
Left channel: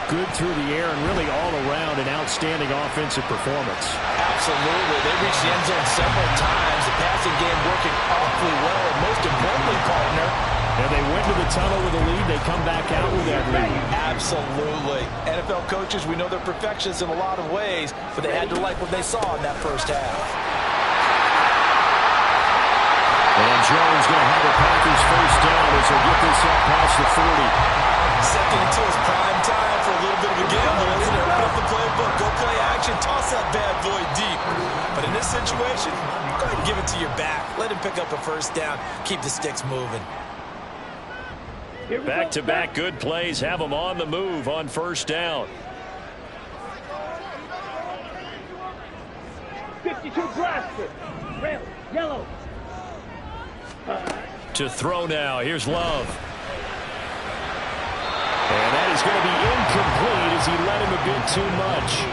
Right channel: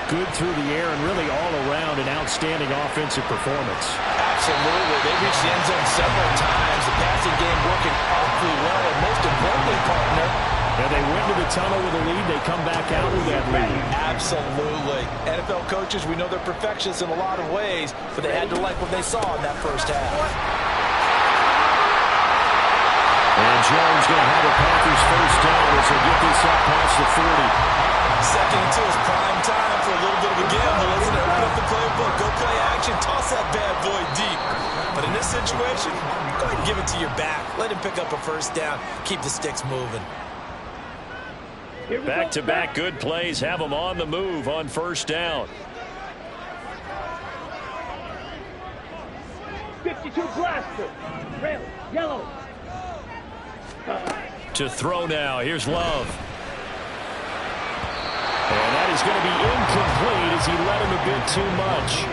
good through the air and really all around an outstanding offensive performance. Absolutely. They reached the end zone several times. The passing game working awfully well, and most importantly, partner, and they went to the tunnel with a lead. They come back out with that lead. Absolutely. NFL coaches, we know they're perfectionists in a lot of ways, but they had to like what they saw in that first half. And Jones going to have a Packers first down as they get this up past the 40. Second into his prime time for a little bit of a gamble, isn't it? Open up the playbook, go play action, toss that bad boy deep. But in this situation, go ahead and give it to your back. Let him pick up a first down, keep the sticks moving. Back-to-back good plays have them on the move on first down. 52 blaster. Red, yellow. To throw now. Here's Love. And that is going to be incomplete as he led him a bit too much.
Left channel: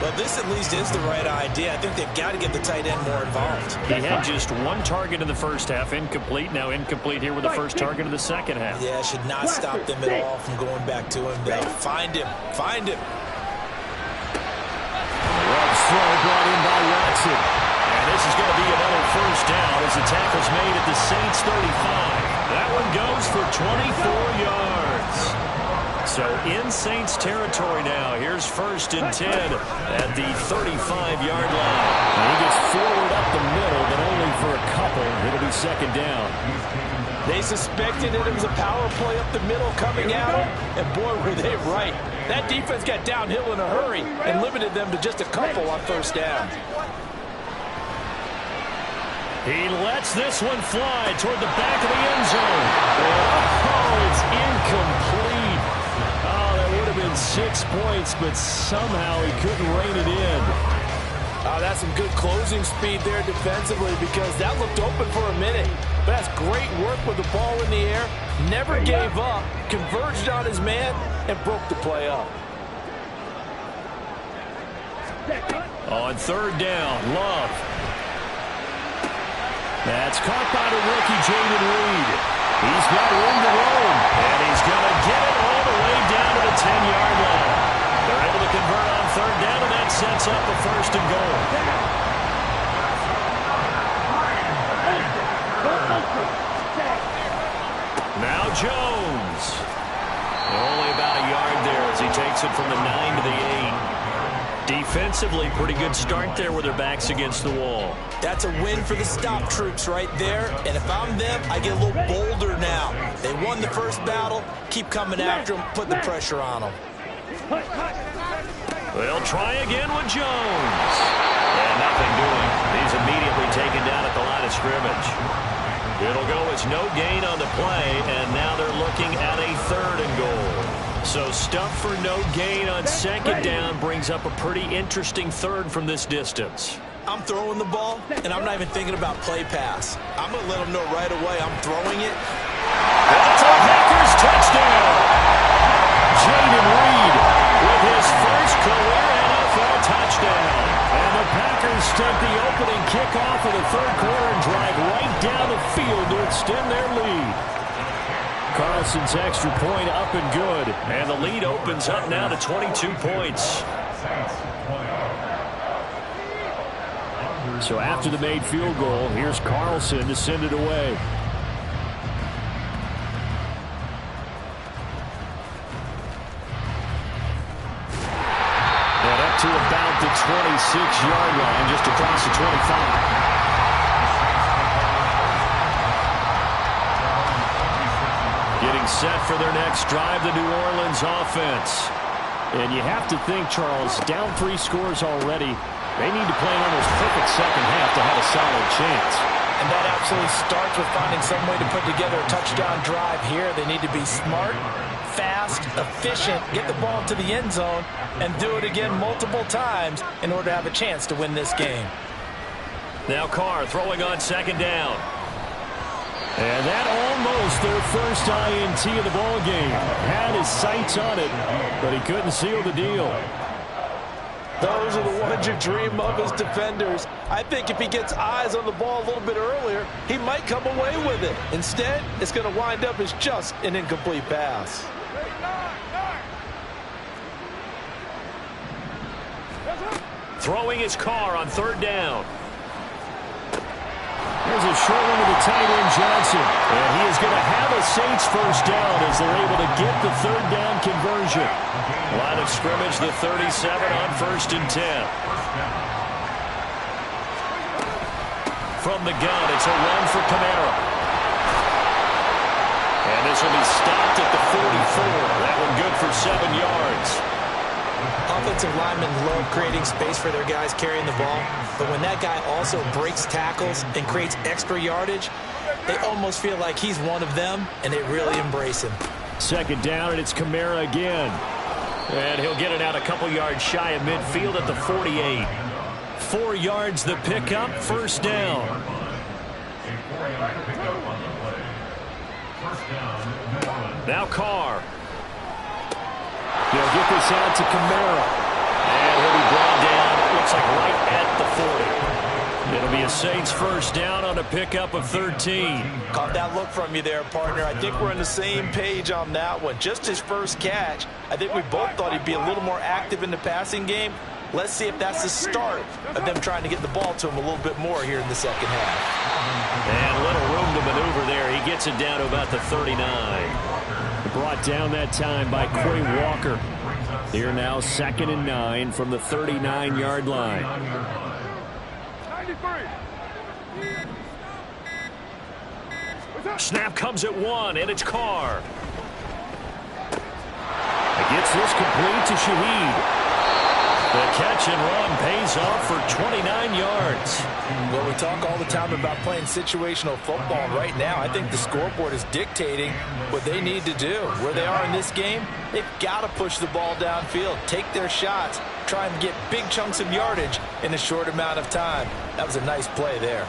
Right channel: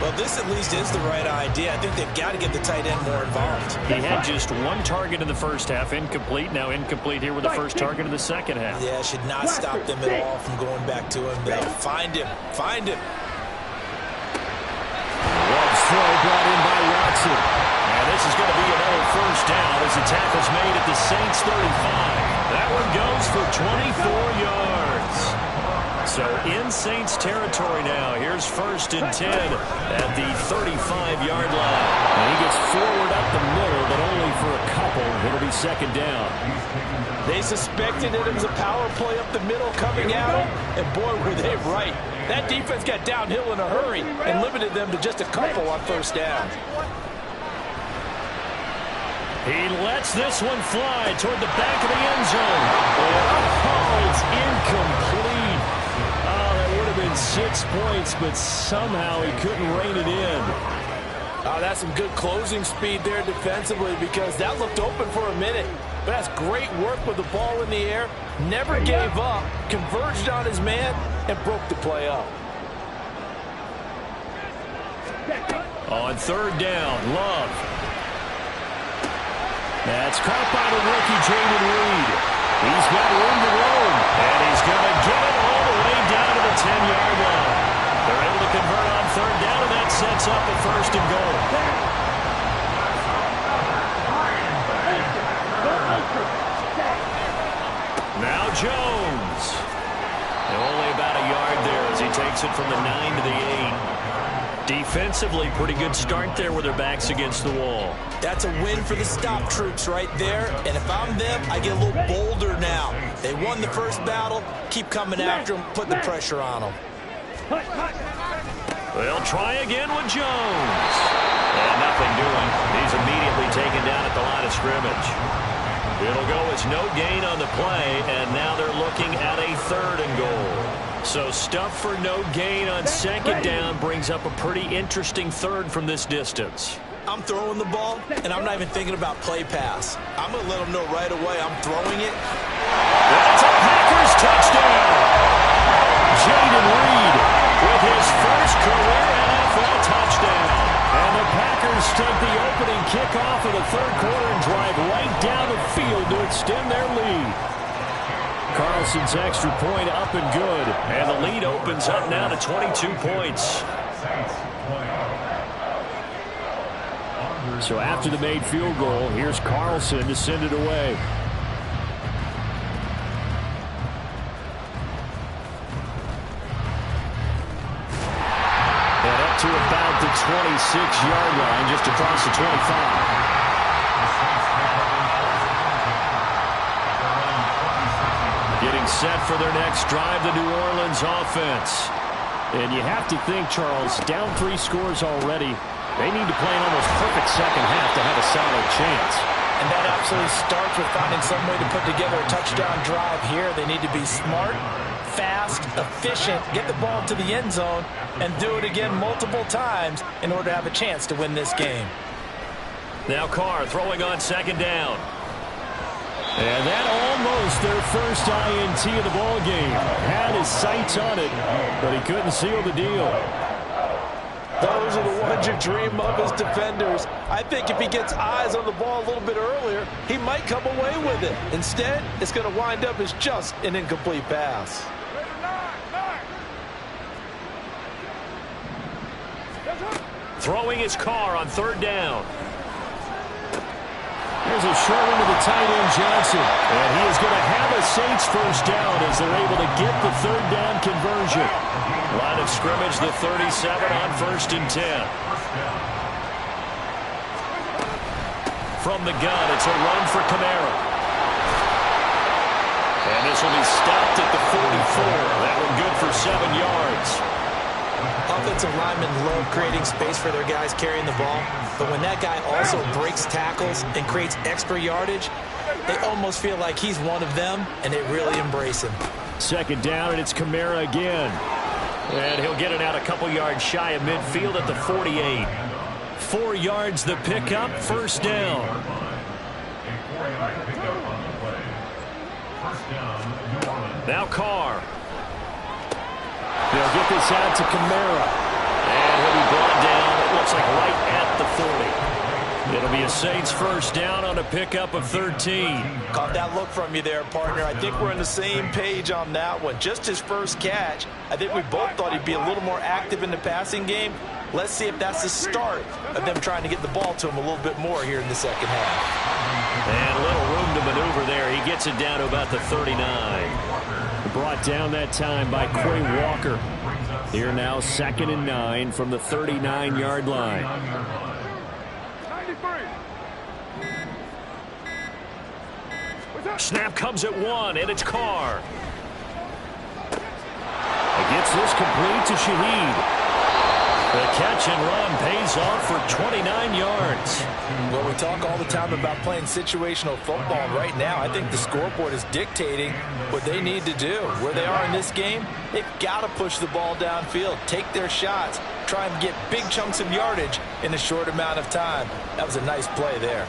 Well, this at least is the right idea. I think they've got to get the tight end more involved. He had just one target in the first half, incomplete. Now incomplete here with the first target of the second half. Yeah, should not stop them at all from going back to him. They'll find him. Find him. Love's throw brought in by Watson. And this is going to be another first down as the tackle's made at the Saints 35. That one goes for 24 yards. So in Saints territory now. Here's 1st and 10 at the 35-yard line. Now he gets forward up the middle, but only for a couple. It'll be 2nd down. They suspected it was a power play up the middle coming at them, and boy, were they right. That defense got downhill in a hurry and limited them to just a couple on 1st down. He lets this one fly toward the back of the end zone. And, it's incomplete. That would have been 6 points, but somehow he couldn't rein it in. Oh, that's some good closing speed there defensively because that looked open for a minute. But that's great work with the ball in the air. Never gave up, converged on his man, and broke the play up. On 3rd down, Love. That's caught by the rookie, Jaden Reed. He's got room to roam, and he's going to get it all the way down to the 10-yard line. They're able to convert on 3rd down, and that sets up a 1st and goal. Now Jones. Only about a yard there as he takes it from the 9 to the 8. Defensively, pretty good start there with their backs against the wall. That's a win for the stop troops right there. And if I'm them, I get a little bolder now. They won the first battle. Keep coming after them. Put the pressure on them. They'll try again with Jones. And nothing doing. He's immediately taken down at the line of scrimmage. It'll go as no gain on the play, and now they're looking at a 3rd and goal. So stuff for no gain on 2nd down brings up a pretty interesting 3rd from this distance. I'm throwing the ball, and I'm not even thinking about play pass. I'm going to let them know right away I'm throwing it. That's a Packers touchdown. Jaden Reed with his first career NFL touchdown. And the Packers take the opening kickoff of the 3rd quarter and drive right down the field to extend their lead. Carlson's extra point up and good. And the lead opens up now to 22 points. So after the made field goal, here's Carlson to send it away. And up to about the 26-yard line, just across the 25. Getting set for their next drive, the New Orleans offense. And you have to think, Charles, down 3 scores already. They need to play an almost perfect second half to have a solid chance. And that absolutely starts with finding some way to put together a touchdown drive here. They need to be smart, fast, efficient, get the ball to the end zone, and do it again multiple times in order to have a chance to win this game. Now Carr throwing on 2nd down. And that almost their first INT of the ball game. Had his sights on it, but he couldn't seal the deal. Those are the ones you dream of as defenders. I think if he gets eyes on the ball a little bit earlier, he might come away with it. Instead, it's going to wind up as just an incomplete pass. Throwing his Carr on 3rd down. Here's a short one to the tight end, Johnson. And he is going to have a Saints first down as they're able to get the 3rd down conversion. Line of scrimmage, the 37 on 1st and 10. From the gun, it's a run for Kamara. And this will be stopped at the 44. That one good for 7 yards. Offensive linemen love creating space for their guys carrying the ball, but when that guy also breaks tackles and creates extra yardage, they almost feel like he's one of them, and they really embrace him. 2nd down, and it's Kamara again. And he'll get it out a couple yards shy of midfield at the 48. 4 yards the pickup, 1st down. Now Carr. They'll get this out to Kamara. And he'll be brought down, it looks like right at the 40. It'll be a Saints first down on a pickup of 13. Caught that look from you there, partner. I think we're on the same page on that one. Just his first catch. I think we both thought he'd be a little more active in the passing game. Let's see if that's the start of them trying to get the ball to him a little bit more here in the second half. And little room to maneuver there. He gets it down to about the 39. Brought down that time by Quay Walker. Here now 2nd and 9 from the 39-yard line. 93. Snap comes at 1, and it's Carr. Gets this complete to Shaheed. The catch and run pays off for 29 yards. Well, we talk all the time about playing situational football, and right now I think the scoreboard is dictating what they need to do. Where they are in this game, they've got to push the ball downfield, take their shots, try and get big chunks of yardage in a short amount of time. That was a nice play there.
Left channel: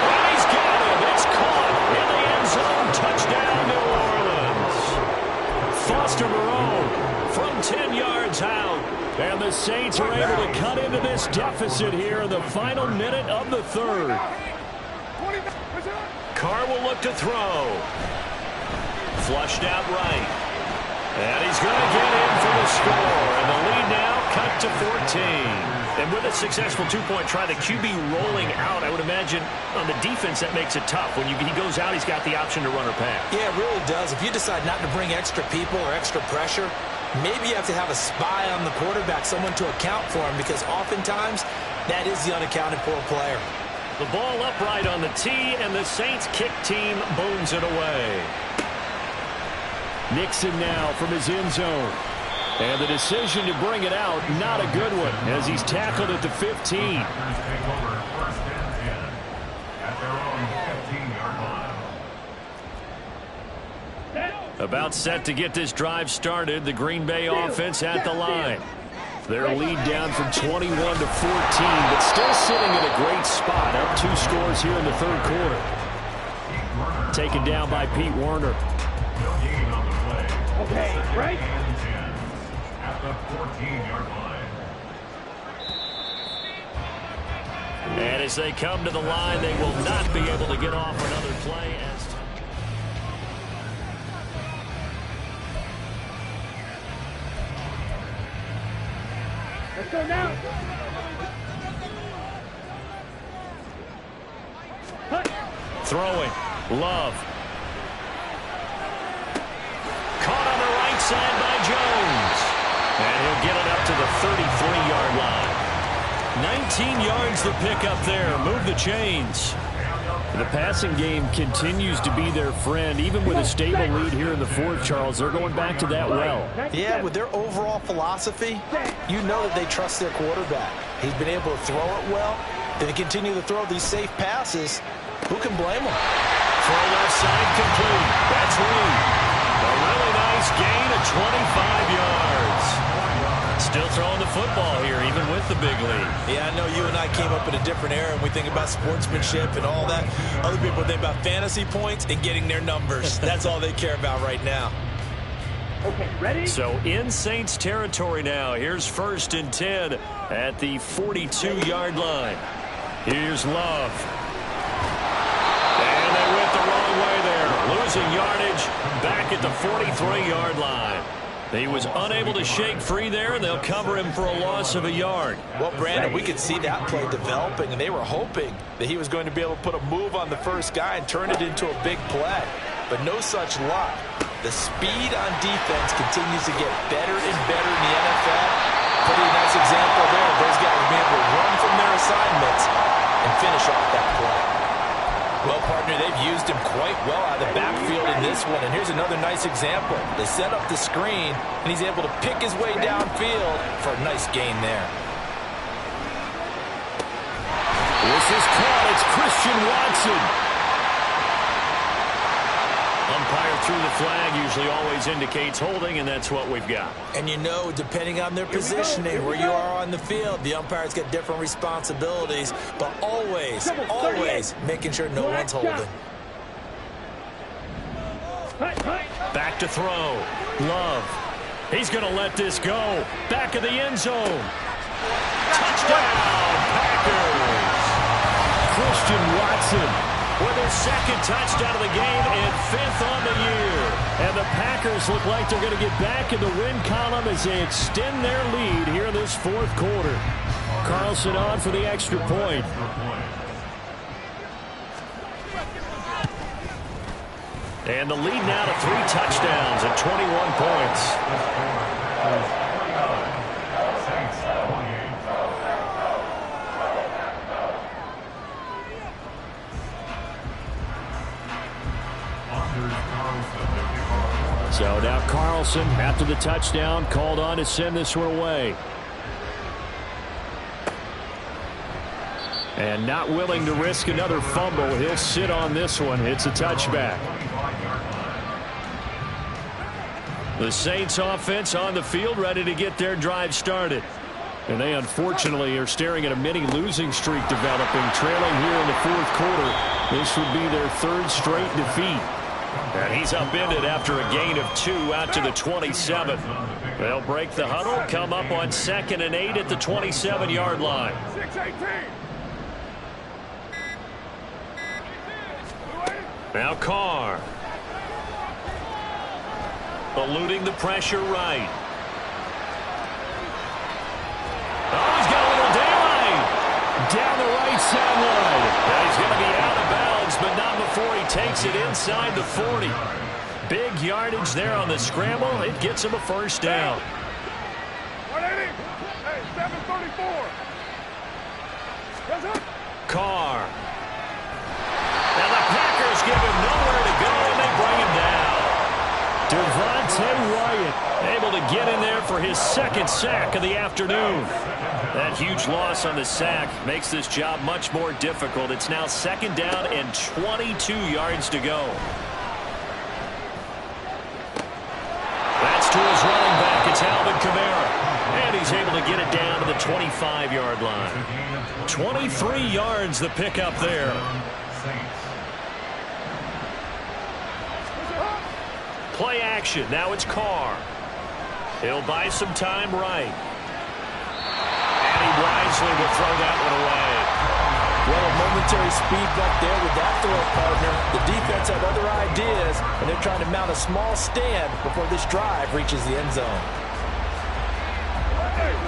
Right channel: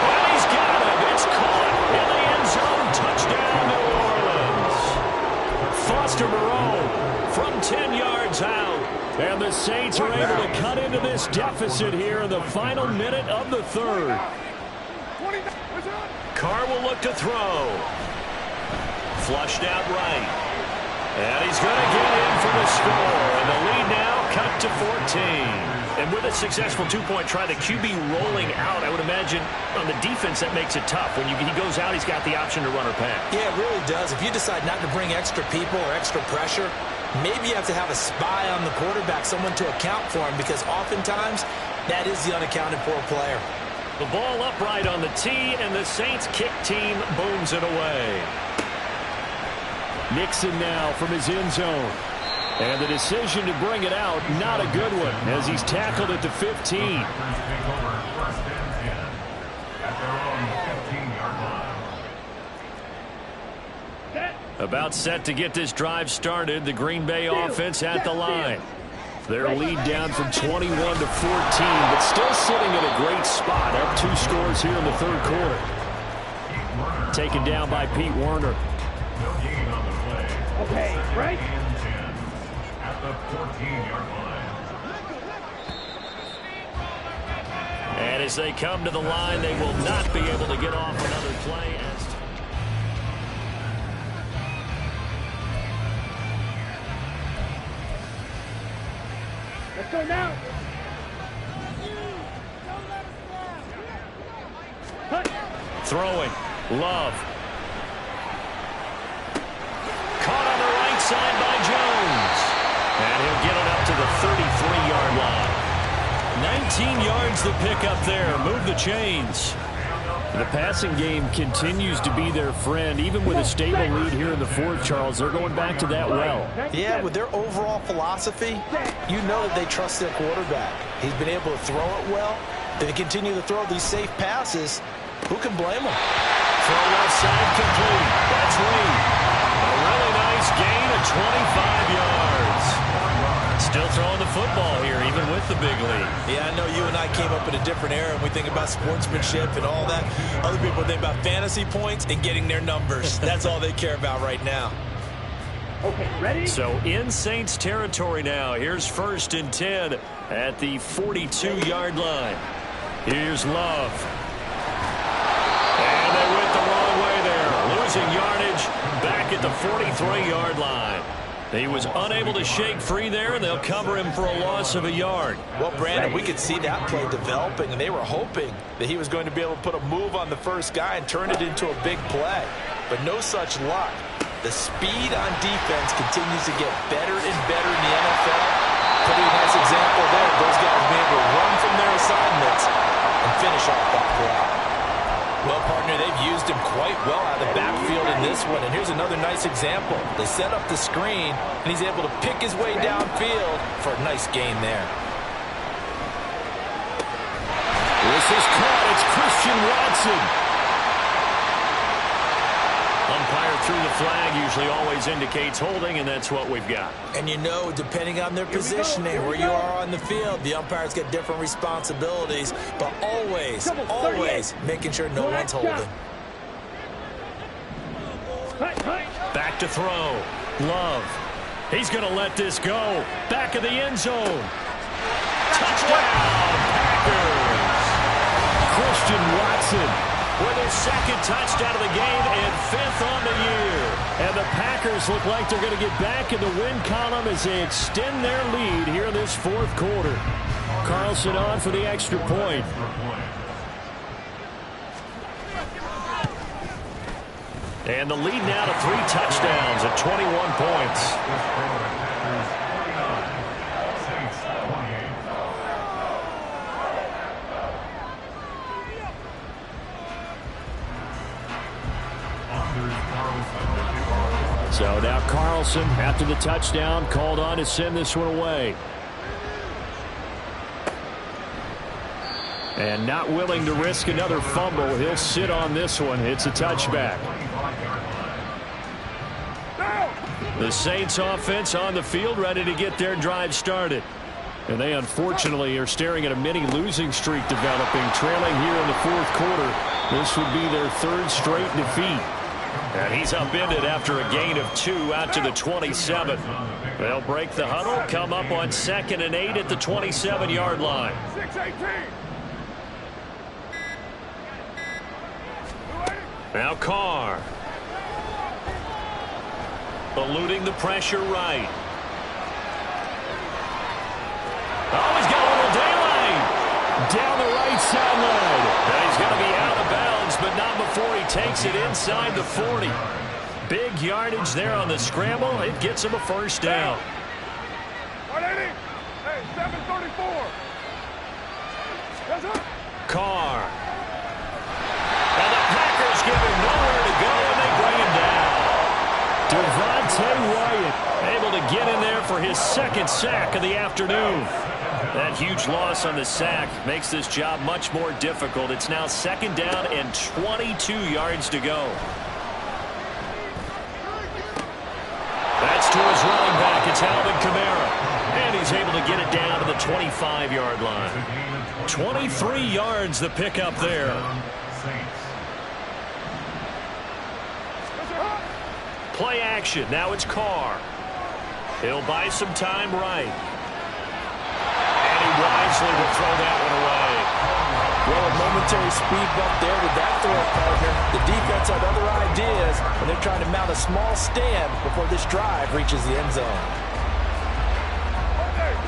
And he's got him. It's caught in the end zone. Touchdown, New Orleans. Foster Moreau from 10 yards out. And the Saints are able to cut into this deficit here in the final minute of the third. Carr will look to throw. Flushed out right. And he's going to get in for the score. And the lead now cut to 14. And with a successful two-point try, the QB rolling out, I would imagine on the defense that makes it tough. When he goes out, he's got the option to run or pass. Yeah, it really does. If you decide not to bring extra people or extra pressure, maybe you have to have a spy on the quarterback, someone to account for him, because oftentimes that is the unaccounted for player. The ball upright on the tee, and the Saints kick team booms it away. Nixon now from his end zone. And the decision to bring it out, not a good one, as he's tackled at the 15. About set to get this drive started. The Green Bay offense at the line. Their lead down from 21 to 14, but still sitting in a great spot. Up 2 scores here in the third quarter. Taken down by Pete Werner. Okay, right? At the 14-yard line. And as they come to the line, they will not be able to get off another play. Let's go now. Throwing. Love. Caught on the right side by Jones. And he'll get it up to the 33-yard line. 19 yards to pick up there. Move the chains. The passing game continues to be their friend. Even with a stable lead here in the fourth, Charles, they're going back to that well. Yeah, with their overall philosophy, you know that they trust their quarterback. He's been able to throw it well. They continue to throw these safe passes. Who can blame them? Throw left side complete. That's Reed. A really nice gain of 25 yards. Still throwing the football here, even with the big lead. Yeah, I know you and I came up in a different era, and we think about sportsmanship and all that. Other people think about fantasy points and getting their numbers. That's all they care about right now. Okay, ready? So in Saints territory now. Here's 1st and 10 at the 42-yard line. Here's Love. And they went the wrong way there. Losing yardage back at the 43-yard line. He was unable to shake free there, and they'll cover him for a loss of a yard. Well, Brandon, we could see that play developing, and they were hoping that he was going to be able to put a move on the first guy and turn it into a big play. But no such luck. The speed on defense continues to get better and better in the NFL. Pretty nice example there. Those guys being able to run from their assignments and finish off that play. Well, partner, they've used him quite well out of the backfield in this one. And here's another nice example. They set up the screen, and he's able to pick his way downfield for a nice gain there. This is caught. It's Christian Watson. Umpire threw the flag, usually always indicates holding, and that's what we've got. And you know, depending on their positioning, where you are on the field, the umpires get different responsibilities, but always making sure no one's holding. Back Back to throw. Love. He's going to let this go. Back of the end zone. Touchdown, Packers. Christian Watson with his second touchdown of the game and 5th on the year. And the Packers look like they're going to get back in the win column as they extend their lead here in this 4th quarter. Carlson on for the extra point. And the lead now to 3 touchdowns at 21 points. So now Carlson, after the touchdown, called on to send this one away. And not willing to risk another fumble. He'll sit on this one. It's a touchback. The Saints offense on the field, ready to get their drive started. And they unfortunately are staring at a mini losing streak developing, trailing here in the 4th quarter. This would be their 3rd straight defeat. And he's upended after a gain of 2 out to the 27. They'll break the huddle, come up on 2nd and 8 at the 27-yard line. 6-18. Now Carr. Eluding the pressure right. Oh, he's got a little daylight. Down the right sideline. Now he's going to be out of bounds, but not before he takes it inside the 40. Big yardage there on the scramble. It gets him a first down. 180. Hey, 734. Yes, sir. Carr. And the Packers give him nowhere to go, and they bring him down. Devontae Wyatt able to get in there for his 2nd sack of the afternoon. That huge loss on the sack makes this job much more difficult. It's now 2nd down and 22 yards to go. That's to his running back. It's Alvin Kamara. And he's able to get it down to the 25-yard line. 23 yards the pickup there. Play action. Now it's Carr. He'll buy some time right. And he wisely will throw that one away. Well, a momentary speed bump there with that throw, partner. The defense had other ideas, and they're trying to mount a small stand before this drive reaches the end zone.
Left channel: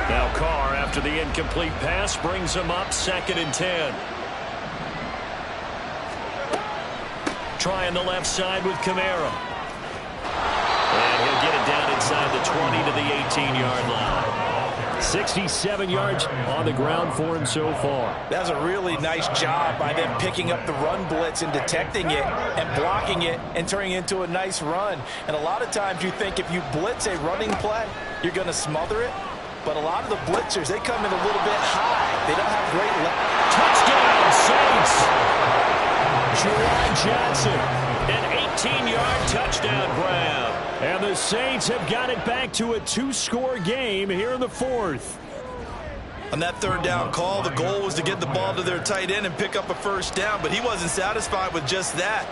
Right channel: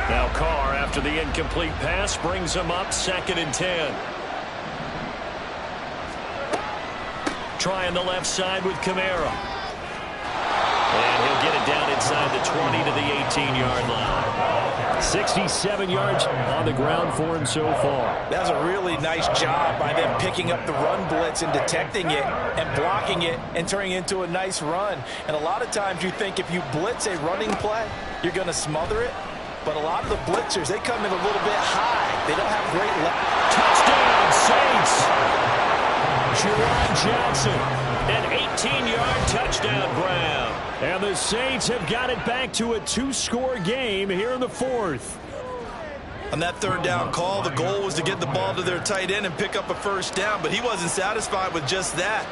Now Carr, after the incomplete pass, brings him up 2nd and 10. Trying the left side with Kamara. And he'll get it down inside the 20 to the 18-yard line. 67 yards on the ground for him so far. That's a really nice job by them picking up the run blitz and detecting it and blocking it and turning it into a nice run. And a lot of times you think if you blitz a running play, you're going to smother it. But a lot of the blitzers, they come in a little bit high. They don't have great touchdown, Saints. Juwan Johnson, an 18-yard touchdown grab. And the Saints have got it back to a 2-score game here in the 4th. On that 3rd down call, the goal was to get the ball to their tight end and pick up a first down, but he wasn't satisfied with just that.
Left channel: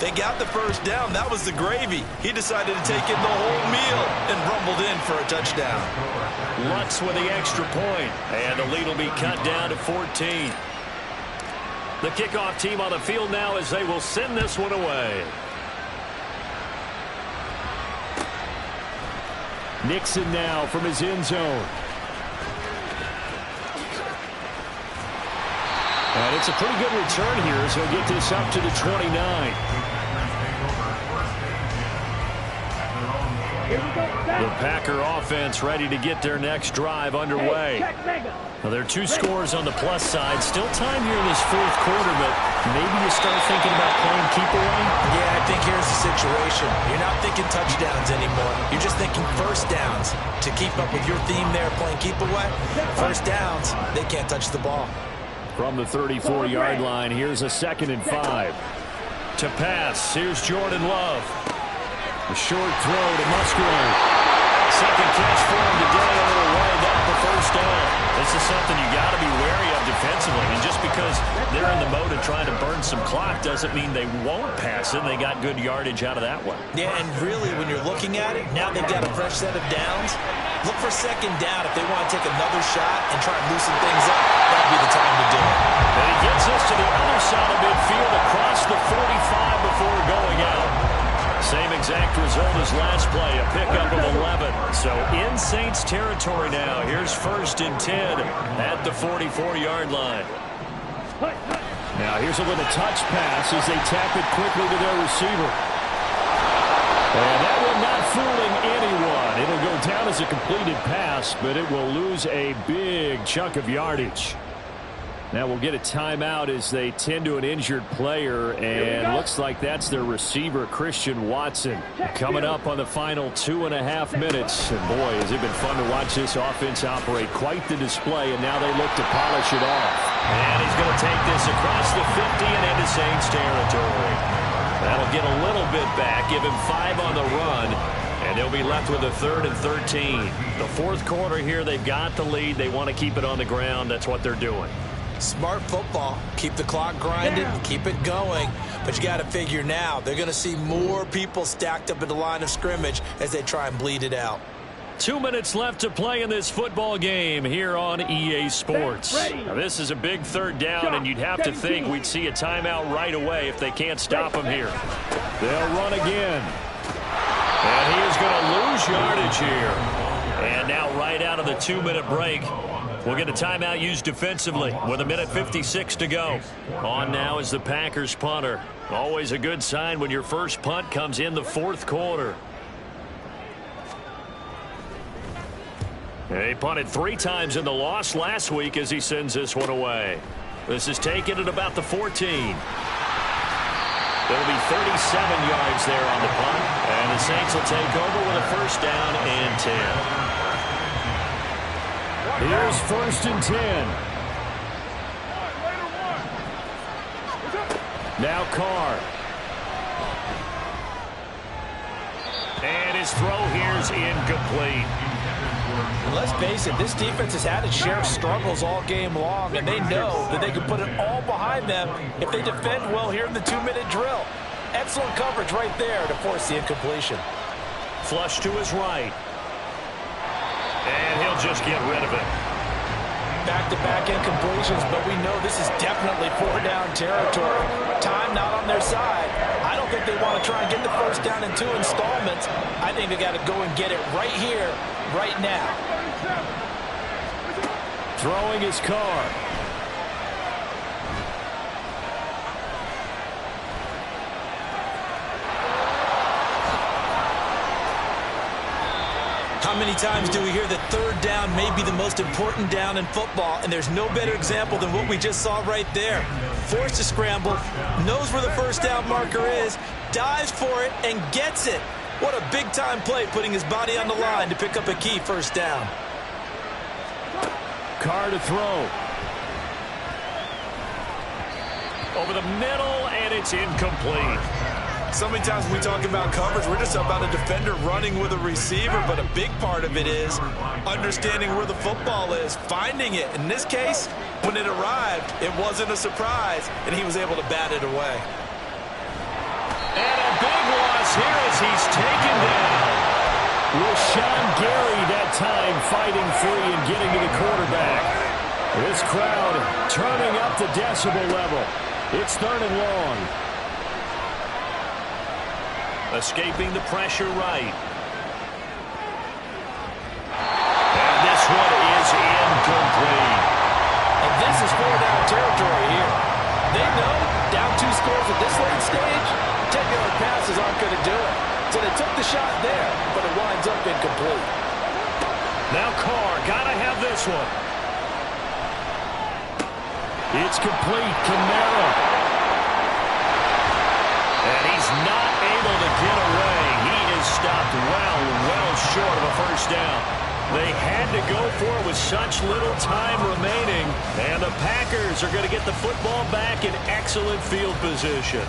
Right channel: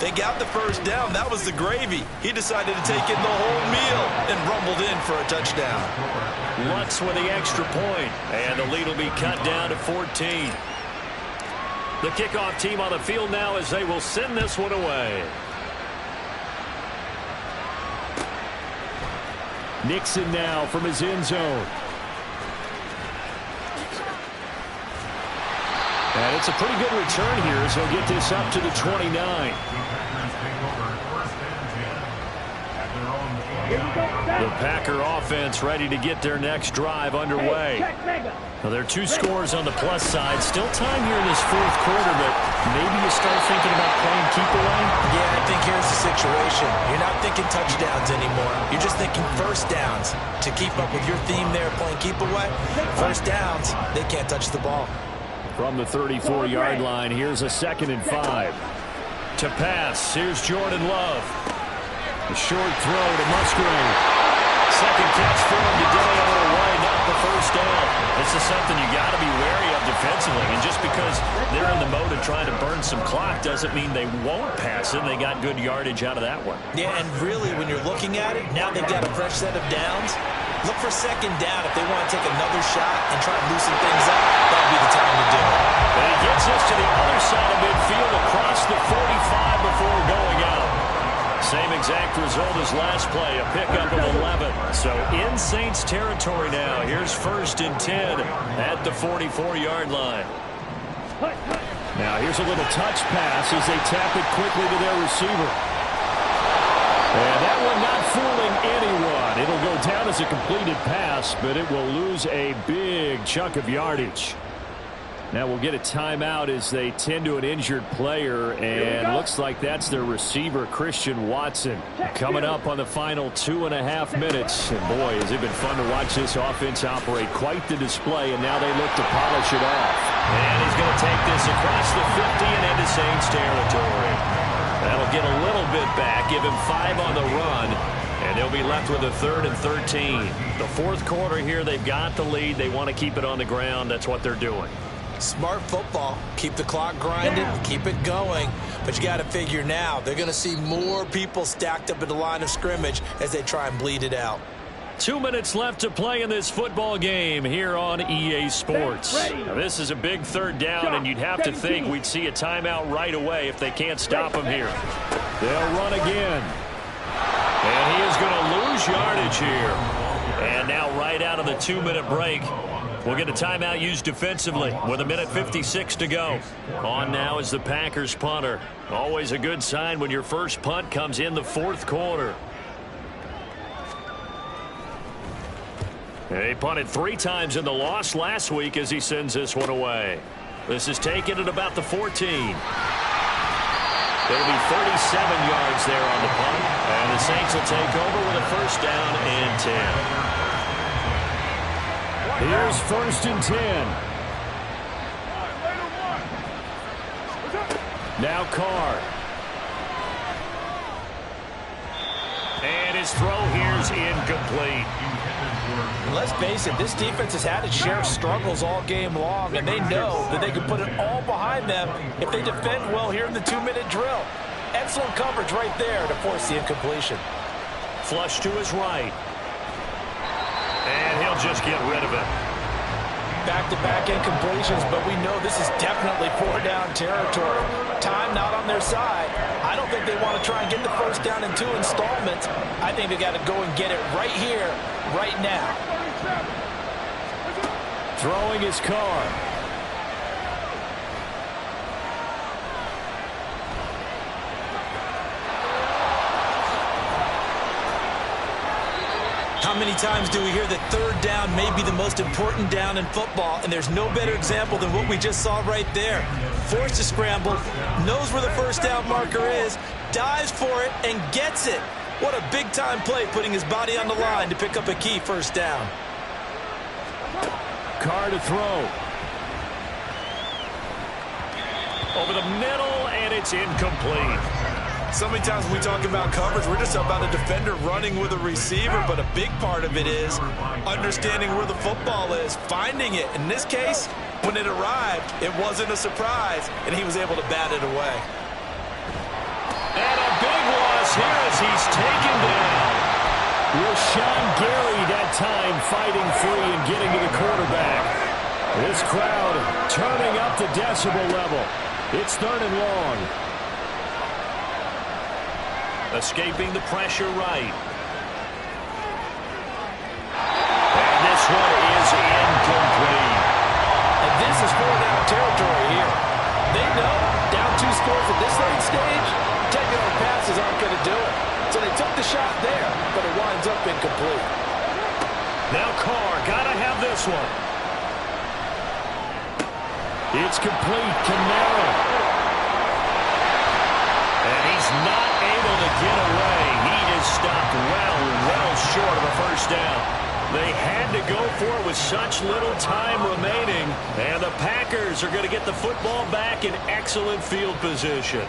They got the first down. That was the gravy. He decided to take in the whole meal and rumbled in for a touchdown. Lutz with the extra point, and the lead will be cut down to 14. The kickoff team on the field now as they will send this one away. Nixon now from his end zone. And it's a pretty good return here as he'll get this up to the 29. The Packer offense ready to get their next drive underway. Now, there are 2 scores on the plus side. Still time here in this 4th quarter, but maybe you start thinking about playing keep away? Yeah, I think here's the situation. You're not thinking touchdowns anymore. You're just thinking first downs. To keep up with your theme there, playing keep away, first downs, they can't touch the ball. From the 34-yard line, here's a 2nd and 5. To pass, here's Jordan Love. The short throw to Musgrave. Second catch for him today, a little wide up a first down. This is something you got to be wary of defensively. And just because they're in the mode of trying to burn some clock doesn't mean they won't pass it. They got good yardage out of that one. Yeah, and really, when you're looking at it, now they've got a fresh set of downs. Look for second down if they want to take another shot and try and loosen things up. That'd be the time to do it. And he gets us to the other side of midfield across the 45 before going out. Same exact result as last play, a pickup of 11. So in Saints territory now. Here's 1st and 10 at the 44-yard line. Now here's a little touch pass as they tap it quickly to their receiver. And that one not fooling anyone. It'll go down as a completed pass, but it will lose a big chunk of yardage. Now we'll get a timeout as they tend to an injured player, and looks like that's their receiver, Christian Watson. Coming up on the final 2.5 minutes. And boy, has it been fun to watch this offense operate. Quite the display, and now they look to polish it off. And he's going to take this across the 50 and into Saints territory. That'll get a little bit back, give him 5 on the run, and they'll be left with a 3rd and 13. The fourth quarter here, they've got the lead. They want to keep it on the ground. That's what they're doing. Smart football. Keep the clock grinding, keep it going. But you got to figure now, they're going to see more people stacked up at the line of scrimmage as they try and bleed it out. 2 minutes left to play in this football game here on EA Sports. Now, this is a big 3rd down, and you'd have to think we'd see a timeout right away if they can't stop them here. They'll run again. And he is going to lose yardage here. And now right out of the 2-minute break, we'll get a timeout used defensively with 1:56 to go. On now is the Packers punter. Always a good sign when your first punt comes in the fourth quarter. He punted 3 times in the loss last week as he sends this one away. This is taken at about the 14. There'll be 37 yards there on the punt, and the Saints will take over with a 1st down and 10. Here's 1st and 10. Now Carr. And his throw here's incomplete. And let's face it, this defense has had its share of struggles all game long, and they know that they can put it all behind them if they defend well here in the 2-minute drill. Excellent coverage right there to force the incompletion. Flush to his right. And he'll just get rid of it. Back-to-back incompletions, but we know this is definitely 4-down territory. Time not on their side. I don't think they want to try and get the 1st down in 2 installments. I think they got to go and get it right here, right now. Throwing his Carr. How many times do we hear that 3rd down may be the most important down in football, and there's no better example than what we just saw right there. Forced to scramble, knows where the 1st down marker is, dives for it, and gets it. What a big-time play, putting his body on the line to pick up a key 1st down. Carr to throw. Over the middle, and it's incomplete. So many times when we talk about coverage, we're just about a defender running with a receiver, but a big part of it is understanding where the football is, finding it. In this case, when it arrived, it wasn't a surprise, and he was able to bat it away. And a big loss here as he's taken down. Rashawn Gary that time fighting free and getting to the quarterback. This crowd turning up the decibel level. It's 3rd and long. Escaping the pressure right. And this one is incomplete. And this is 4-down territory here. They know down 2 scores at this late stage, 10-yard passes aren't going to do it. So they took the shot there, but it winds up incomplete. Now Carr, got to have this one. It's complete. Kamara. And he's not able to get away. He is stopped well short of a 1st down. They had to go for it with such little time remaining. And the Packers are going to get the football back in excellent field position.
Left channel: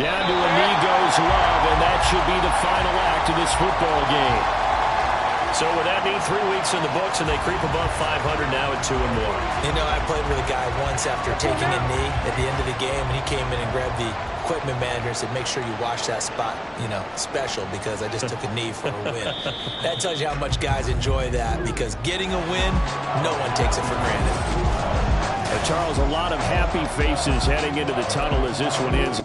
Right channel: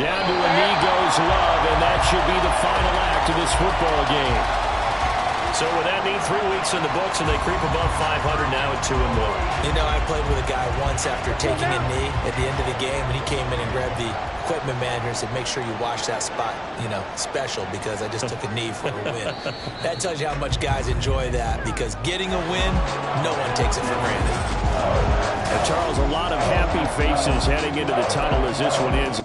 Down to a knee goes Love, and that should be the final act of this football game. So with that knee, 3 weeks in the books, and they creep above 500 now at 2-1. You know, I played with a guy once after taking a knee at the end of the game, and he came in and grabbed the equipment manager and said, make sure you wash that spot, you know, special, because I just took a knee for a win. That tells you how much guys enjoy that, because getting a win, no one takes it for granted. Charles, a lot of happy faces heading into the tunnel as this one ends.